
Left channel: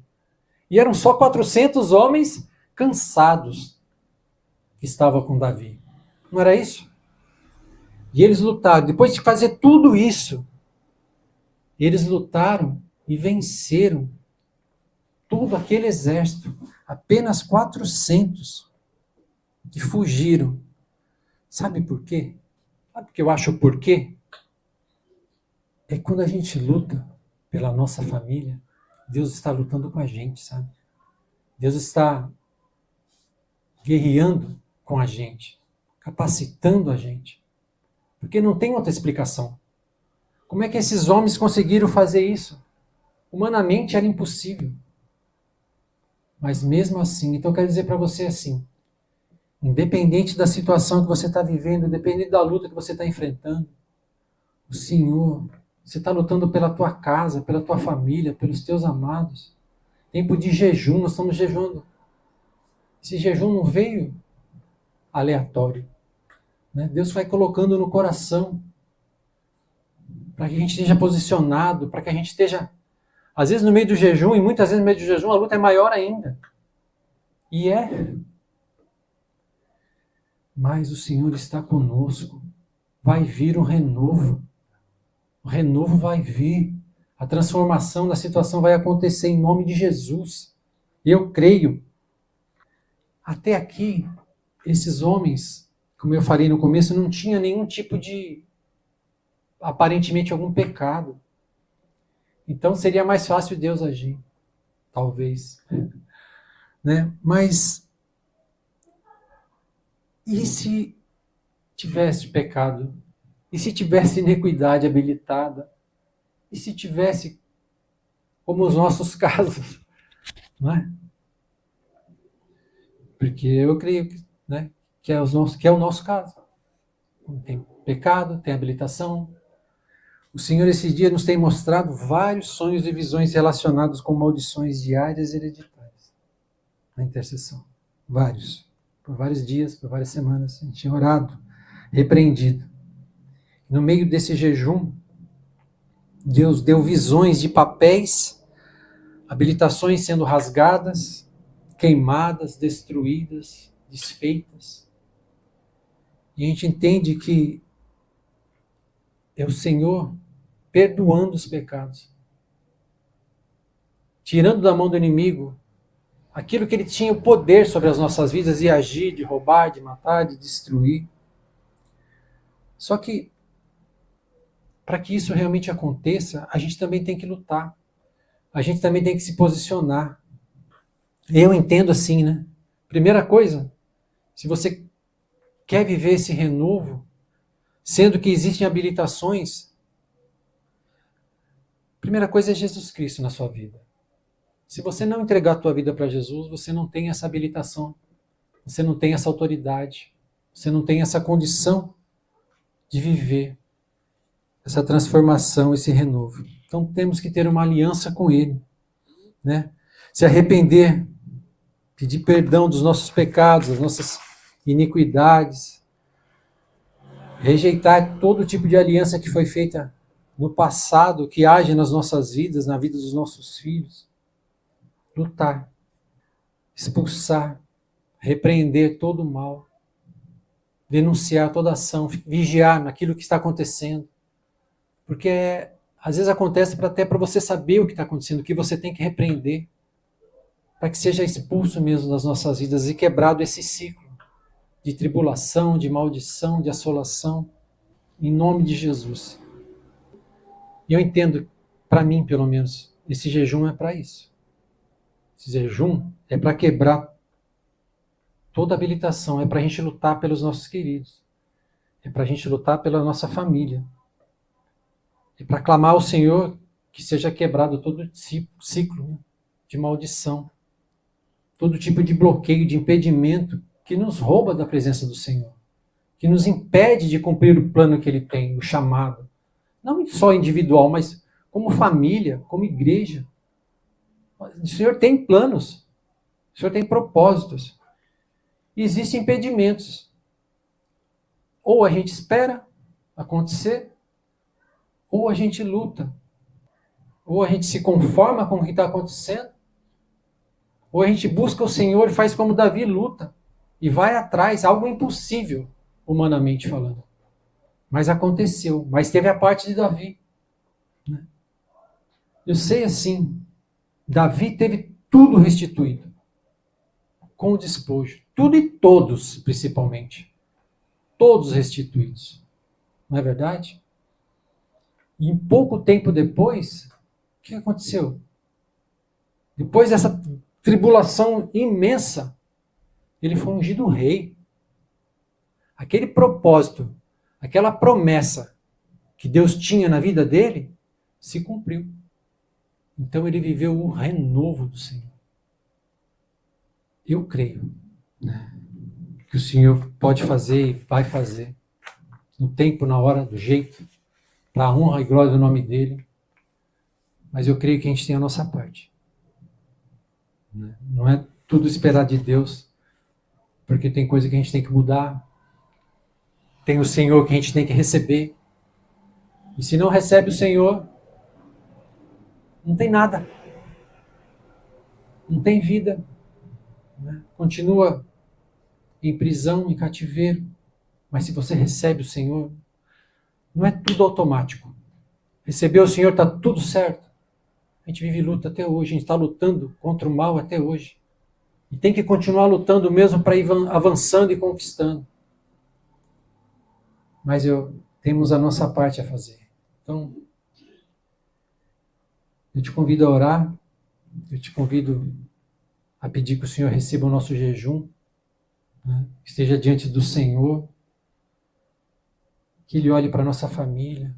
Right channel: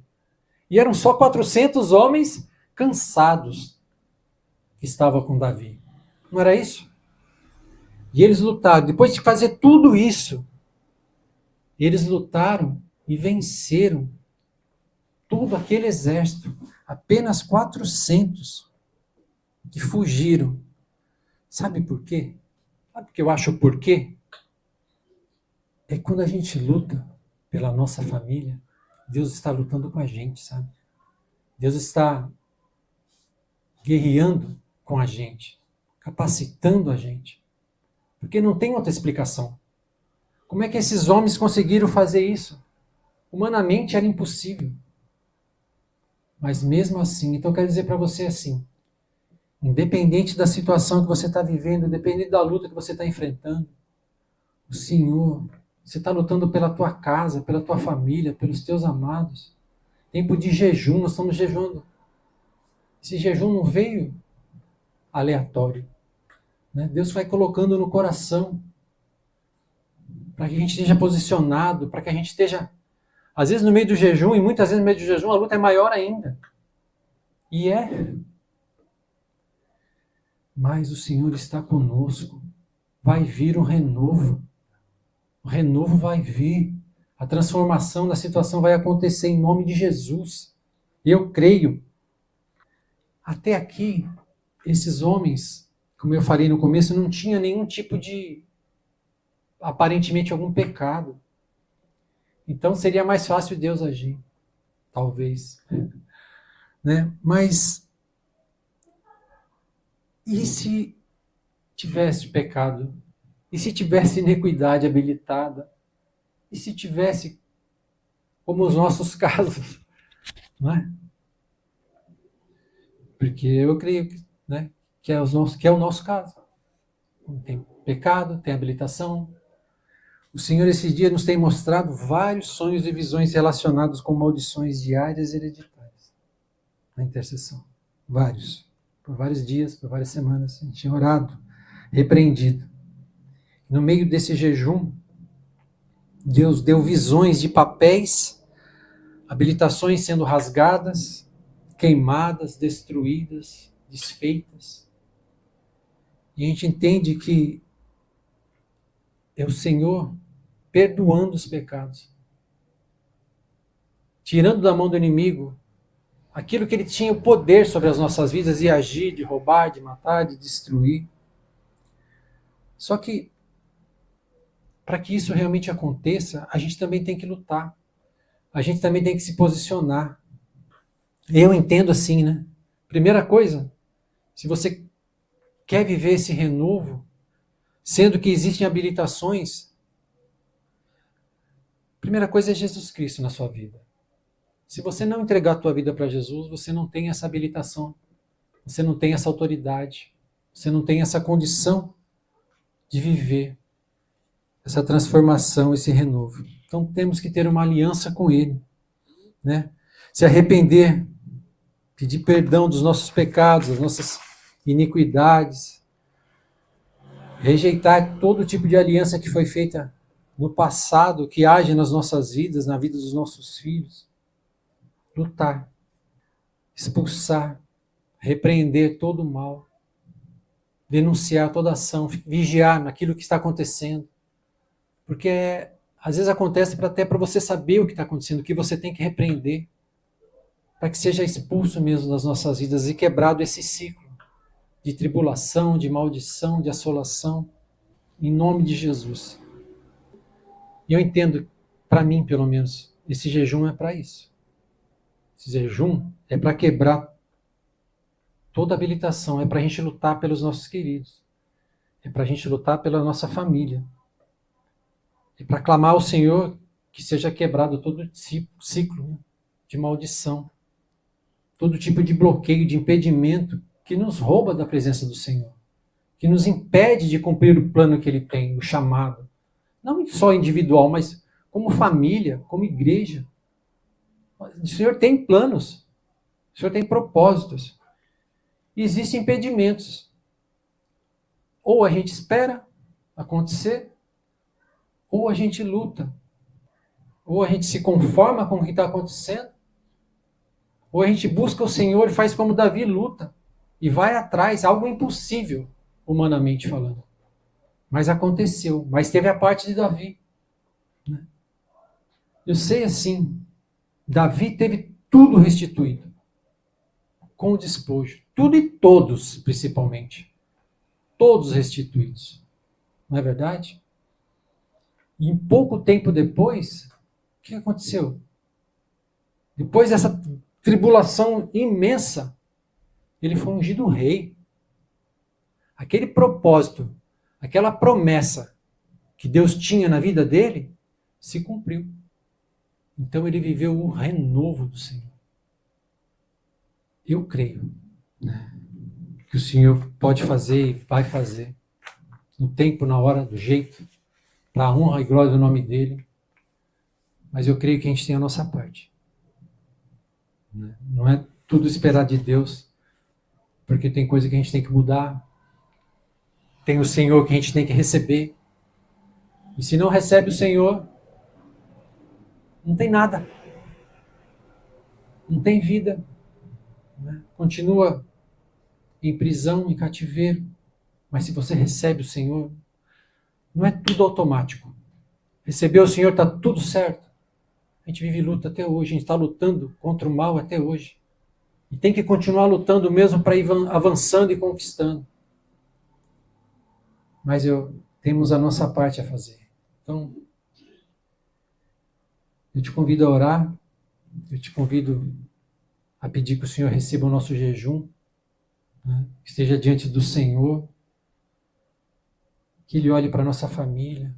E eram só 400 homens cansados que estavam com Davi. Não era isso? E eles lutaram. Depois de fazer tudo isso, eles lutaram e venceram todo aquele exército. Apenas 400 que fugiram. Sabe por quê? Sabe por que eu acho o porquê? É quando a gente luta pela nossa família, Deus está lutando com a gente, sabe? Deus está guerreando com a gente, capacitando a gente. Porque não tem outra explicação. Como é que esses homens conseguiram fazer isso? Humanamente era impossível. Mas mesmo assim, então eu quero dizer para você assim, independente da situação que você está vivendo, independente da luta que você está enfrentando, o Senhor, você está lutando pela tua casa, pela tua família, pelos teus amados. Tempo de jejum, nós estamos jejuando. Esse jejum não veio aleatório. Né? Deus vai colocando no coração para que a gente esteja posicionado, para que a gente esteja, às vezes no meio do jejum, e muitas vezes no meio do jejum a luta é maior ainda. E é. Mas o Senhor está conosco. Vai vir um renovo. O renovo vai vir. A transformação da situação vai acontecer em nome de Jesus. Eu creio. Até aqui, esses homens, como eu falei no começo, não tinham nenhum tipo de, aparentemente, algum pecado. Então seria mais fácil Deus agir. Talvez. Né? Mas e se tivesse pecado? E se tivesse iniquidade habilitada? E se tivesse, como os nossos casos? Não é? Porque eu creio né, que é o nosso caso. Tem pecado, tem habilitação. O Senhor esses dias nos tem mostrado vários sonhos e visões relacionados com maldições diárias e hereditárias. Na intercessão. Vários. Por vários dias, por várias semanas. A gente tinha orado, repreendido. No meio desse jejum, Deus deu visões de papéis, habilitações sendo rasgadas, queimadas, destruídas, desfeitas. E a gente entende que é o Senhor perdoando os pecados, tirando da mão do inimigo aquilo que ele tinha o poder sobre as nossas vidas de agir, de roubar, de matar, de destruir. Só que, para que isso realmente aconteça, a gente também tem que lutar. A gente também tem que se posicionar. Eu entendo assim, né? Primeira coisa, se você quer viver esse renovo, sendo que existem habilitações, primeira coisa é Jesus Cristo na sua vida. Se você não entregar a tua vida para Jesus, você não tem essa habilitação, você não tem essa autoridade, você não tem essa condição de viver essa transformação, esse renovo. Então temos que ter uma aliança com Ele, né? Se arrepender, pedir perdão dos nossos pecados, das nossas iniquidades, rejeitar todo tipo de aliança que foi feita no passado, que age nas nossas vidas, na vida dos nossos filhos. Lutar, expulsar, repreender todo o mal, denunciar toda ação, vigiar naquilo que está acontecendo. Porque às vezes acontece até para você saber o que está acontecendo, o que você tem que repreender, para que seja expulso mesmo das nossas vidas e quebrado esse ciclo de tribulação, de maldição, de assolação, em nome de Jesus. E eu entendo, para mim pelo menos, esse jejum é para isso. Esse jejum é para quebrar toda habilitação, é para a gente lutar pelos nossos queridos, é para a gente lutar pela nossa família, é para clamar ao Senhor que seja quebrado todo ciclo, né, de maldição, todo tipo de bloqueio, de impedimento que nos rouba da presença do Senhor, que nos impede de cumprir o plano que Ele tem, o chamado, não só individual, mas como família, como igreja. O Senhor tem planos, o Senhor tem propósitos. E existem impedimentos. Ou a gente espera acontecer, ou a gente luta. Ou a gente se conforma com o que está acontecendo, ou a gente busca o Senhor e faz como Davi, luta. E vai atrás, algo impossível, humanamente falando. Mas aconteceu, mas teve a parte de Davi. Eu sei assim, Davi teve tudo restituído, com o despojo. Tudo e todos, principalmente. Todos restituídos. Não é verdade? E em pouco tempo depois, o que aconteceu? Depois dessa tribulação imensa, ele foi ungido rei. Aquele propósito, aquela promessa que Deus tinha na vida dele, se cumpriu. Então ele viveu o renovo do Senhor. Eu creio, né, que o Senhor pode fazer e vai fazer, no tempo, na hora, do jeito, para a honra e glória do nome dele. Mas eu creio que a gente tem a nossa parte. Não é tudo esperar de Deus, porque tem coisa que a gente tem que mudar, tem o Senhor que a gente tem que receber. E se não recebe o Senhor, não tem nada. Não tem vida. Né? Continua em prisão, em cativeiro. Mas se você recebe o Senhor, não é tudo automático. Receber o Senhor, está tudo certo. A gente vive luta até hoje, a gente está lutando contra o mal até hoje. E tem que continuar lutando mesmo para ir avançando e conquistando. Mas temos a nossa parte a fazer. Então, eu te convido a orar, eu te convido a pedir que o Senhor receba o nosso jejum, né? Que esteja diante do Senhor, que Ele olhe para a nossa família,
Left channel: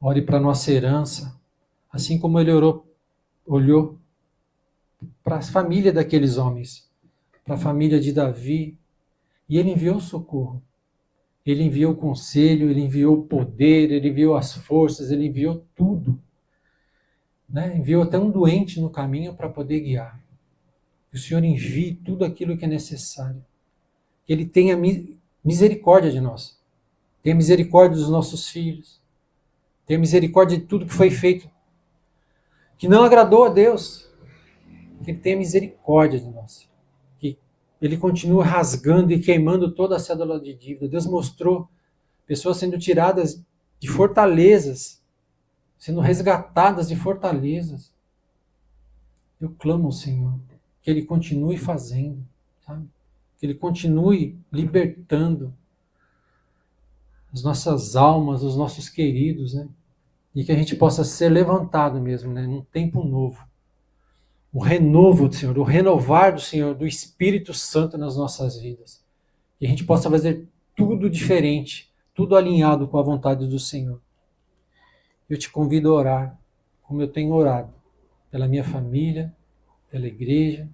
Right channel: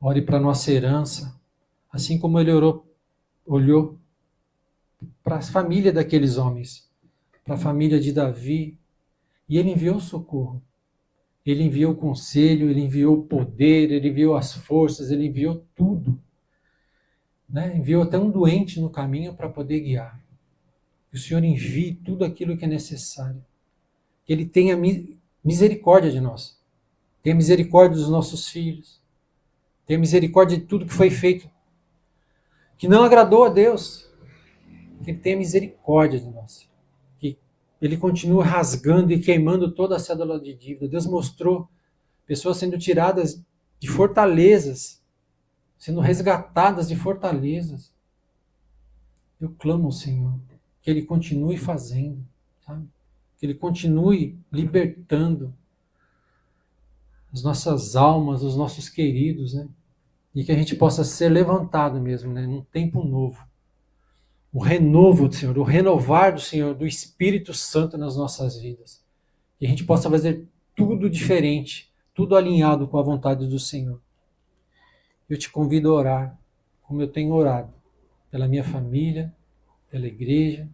olhe para a nossa herança, assim como Ele olhou para a família daqueles homens, para a família de Davi, e Ele enviou socorro. Ele enviou o conselho, Ele enviou o poder, Ele enviou as forças, Ele enviou tudo. Né? Enviou até um doente no caminho para poder guiar. Que o Senhor envie tudo aquilo que é necessário. Que Ele tenha misericórdia de nós. Tenha misericórdia dos nossos filhos. Tenha misericórdia de tudo que foi feito que não agradou a Deus. Que Ele tenha misericórdia de nós. Que Ele continua rasgando e queimando toda a cédula de dívida. Deus mostrou pessoas sendo tiradas de fortalezas, sendo resgatadas de fortalezas. Eu clamo ao Senhor que Ele continue fazendo, sabe? Que Ele continue libertando as nossas almas, os nossos queridos, né? E que a gente possa ser levantado mesmo, né? Num tempo novo. O renovo do Senhor, o renovar do Senhor, do Espírito Santo nas nossas vidas. Que a gente possa fazer tudo diferente, tudo alinhado com a vontade do Senhor. Eu te convido a orar, como eu tenho orado, pela minha família, pela igreja.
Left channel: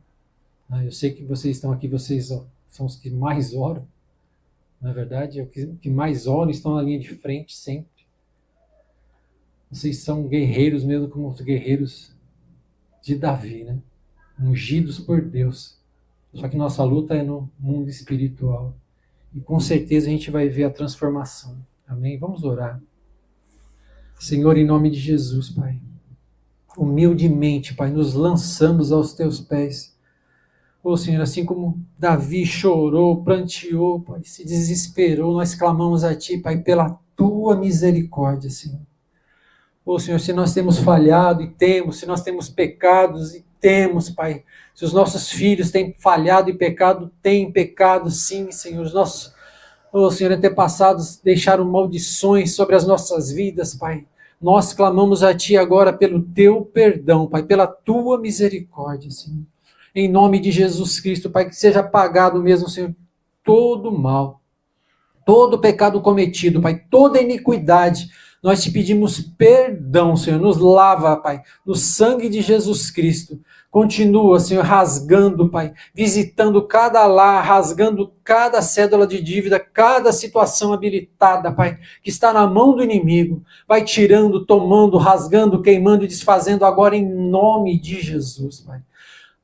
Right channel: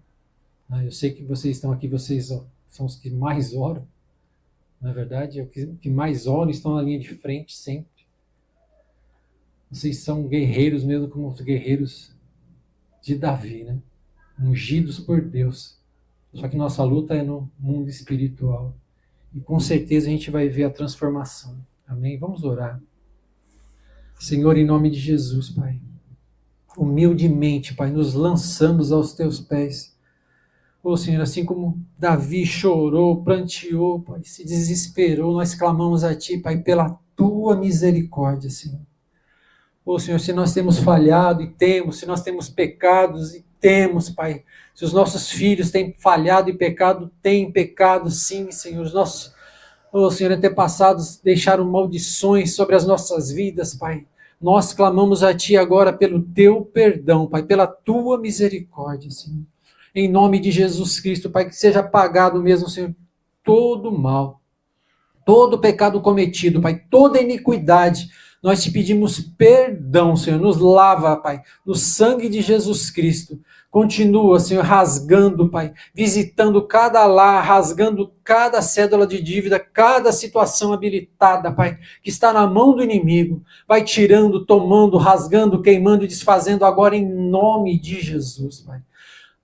Eu sei que vocês estão aqui, vocês são os que mais oram. Na verdade, é os que mais oram, estão na linha de frente sempre. Vocês são guerreiros mesmo como os guerreiros de Davi, né? Ungidos por Deus. Só que nossa luta é no mundo espiritual. E com certeza a gente vai ver a transformação. Amém? Vamos orar. Senhor, em nome de Jesus, Pai. Humildemente, Pai, nos lançamos aos teus pés. Ô Senhor, assim como Davi chorou, pranteou, Pai, se desesperou, nós clamamos a Ti, Pai, pela Tua misericórdia, Senhor. Ô Senhor, se nós temos falhado e temos, se nós temos pecados e temos, Pai, se os nossos filhos têm falhado e pecado, têm pecado sim, Senhor, os nossos, ô Senhor, antepassados deixaram maldições sobre as nossas vidas, Pai. Nós clamamos a Ti agora pelo Teu perdão, Pai, pela Tua misericórdia, Senhor. Em nome de Jesus Cristo, Pai, que seja apagado mesmo, Senhor, todo mal, todo pecado cometido, Pai, toda iniquidade. Nós te pedimos perdão, Senhor, nos lava, Pai, no sangue de Jesus Cristo. Continua, Senhor, rasgando, Pai, visitando cada lar, rasgando cada cédula de dívida, cada situação habilitada, Pai, que está na mão do inimigo. Vai tirando, tomando, rasgando, queimando e desfazendo agora em nome de Jesus, Pai.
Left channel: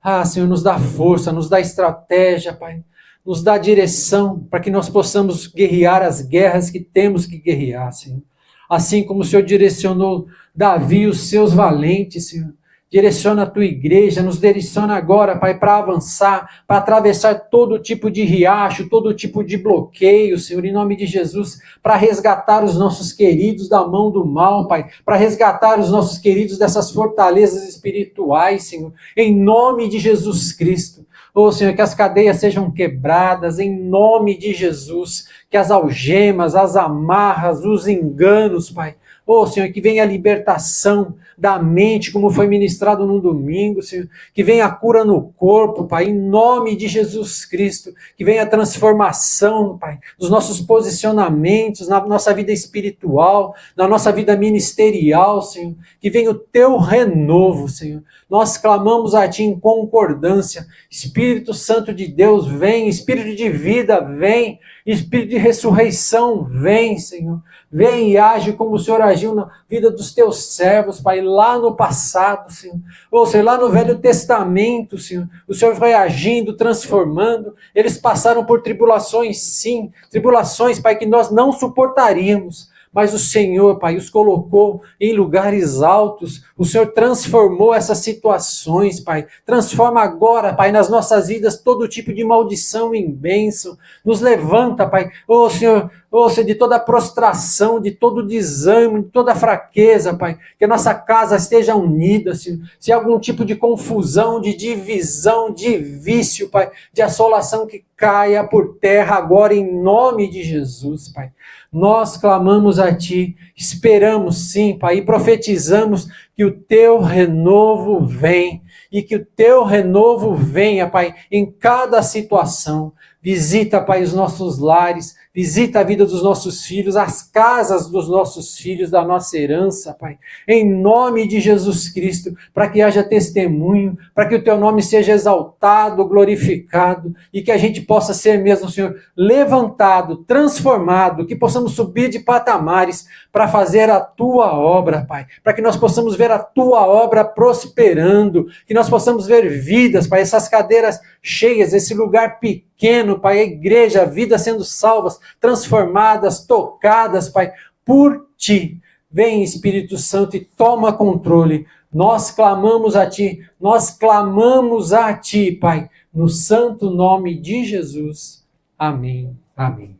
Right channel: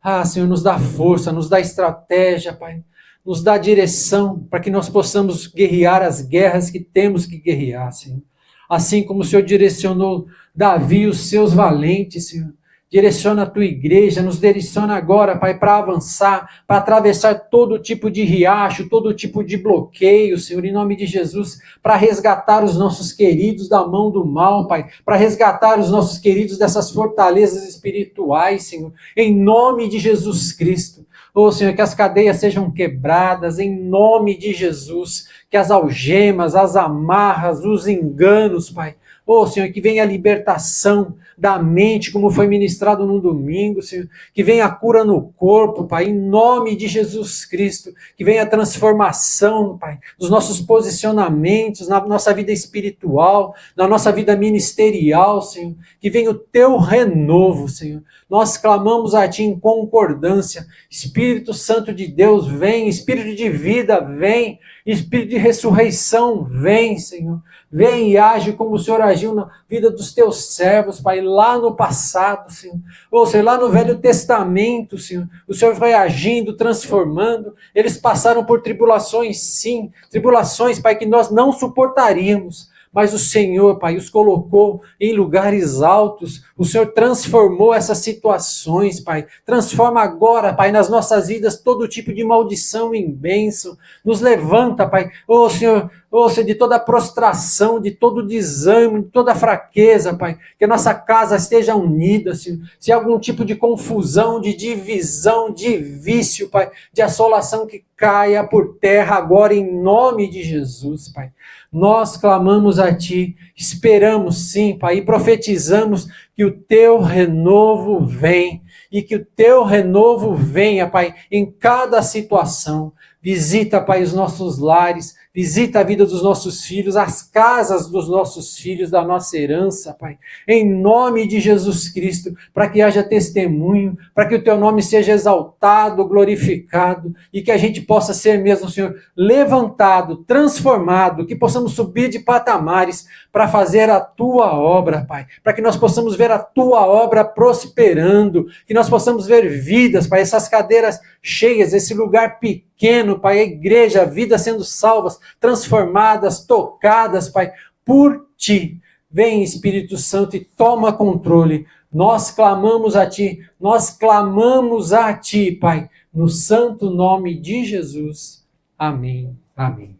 Ah, Senhor, nos dá força, nos dá estratégia, Pai. Nos dá direção para que nós possamos guerrear as guerras que temos que guerrear, Senhor. Assim como o Senhor direcionou Davi, os seus valentes, Senhor. Direciona a tua igreja, nos direciona agora, Pai, para avançar, para atravessar todo tipo de riacho, todo tipo de bloqueio, Senhor, em nome de Jesus, para resgatar os nossos queridos da mão do mal, Pai, para resgatar os nossos queridos dessas fortalezas espirituais, Senhor, em nome de Jesus Cristo. Oh, Senhor, que as cadeias sejam quebradas, em nome de Jesus, que as algemas, as amarras, os enganos, Pai, oh, Senhor, que venha a libertação da mente, como foi ministrado no domingo, Senhor. Que venha a cura no corpo, Pai, em nome de Jesus Cristo. Que venha a transformação, Pai, dos nossos posicionamentos, na nossa vida espiritual, na nossa vida ministerial, Senhor. Que venha o teu renovo, Senhor. Nós clamamos a Ti em concordância. Espírito Santo de Deus, vem. Espírito de vida, vem. Espírito de ressurreição, vem, Senhor. Vem e age como o Senhor agiu na vida dos teus servos, Pai, lá no passado, Senhor. Ou seja, lá no Velho Testamento, Senhor. O Senhor vai agindo, transformando. Eles passaram por tribulações, sim. Tribulações, Pai, que nós não suportaríamos. Mas o Senhor, Pai, os colocou em lugares altos. O Senhor transformou essas situações, Pai. Transforma agora, Pai, nas nossas vidas todo tipo de maldição em bênção. Nos levanta, Pai. Ô Senhor, de toda prostração, de todo desânimo, de toda fraqueza, Pai. Que a nossa casa esteja unida, Senhor. Se há algum tipo de confusão, de divisão, de vício, Pai, de assolação, que caia por terra agora em nome de Jesus, Pai. Nós clamamos a Ti, esperamos sim, Pai, e profetizamos que o Teu renovo vem, e que o Teu renovo venha, Pai, em cada situação. Visita, Pai, os nossos lares, visita a vida dos nossos filhos, as casas dos nossos filhos, da nossa herança, Pai, em nome de Jesus Cristo, para que haja testemunho, para que o Teu nome seja exaltado, glorificado, e que a gente possa ser mesmo, Senhor, levantado, transformado, que possamos subir de patamares para fazer a Tua obra, Pai, para que nós possamos ver a Tua obra prosperando, que nós possamos ver vidas, Pai, essas cadeiras cheias, esse lugar pequeno, Pai, a igreja, a vida sendo salvas, transformadas, tocadas, Pai, por Ti. Vem, Espírito Santo, e toma controle. Nós clamamos a Ti, Pai. No santo nome de Jesus. Amém. Amém.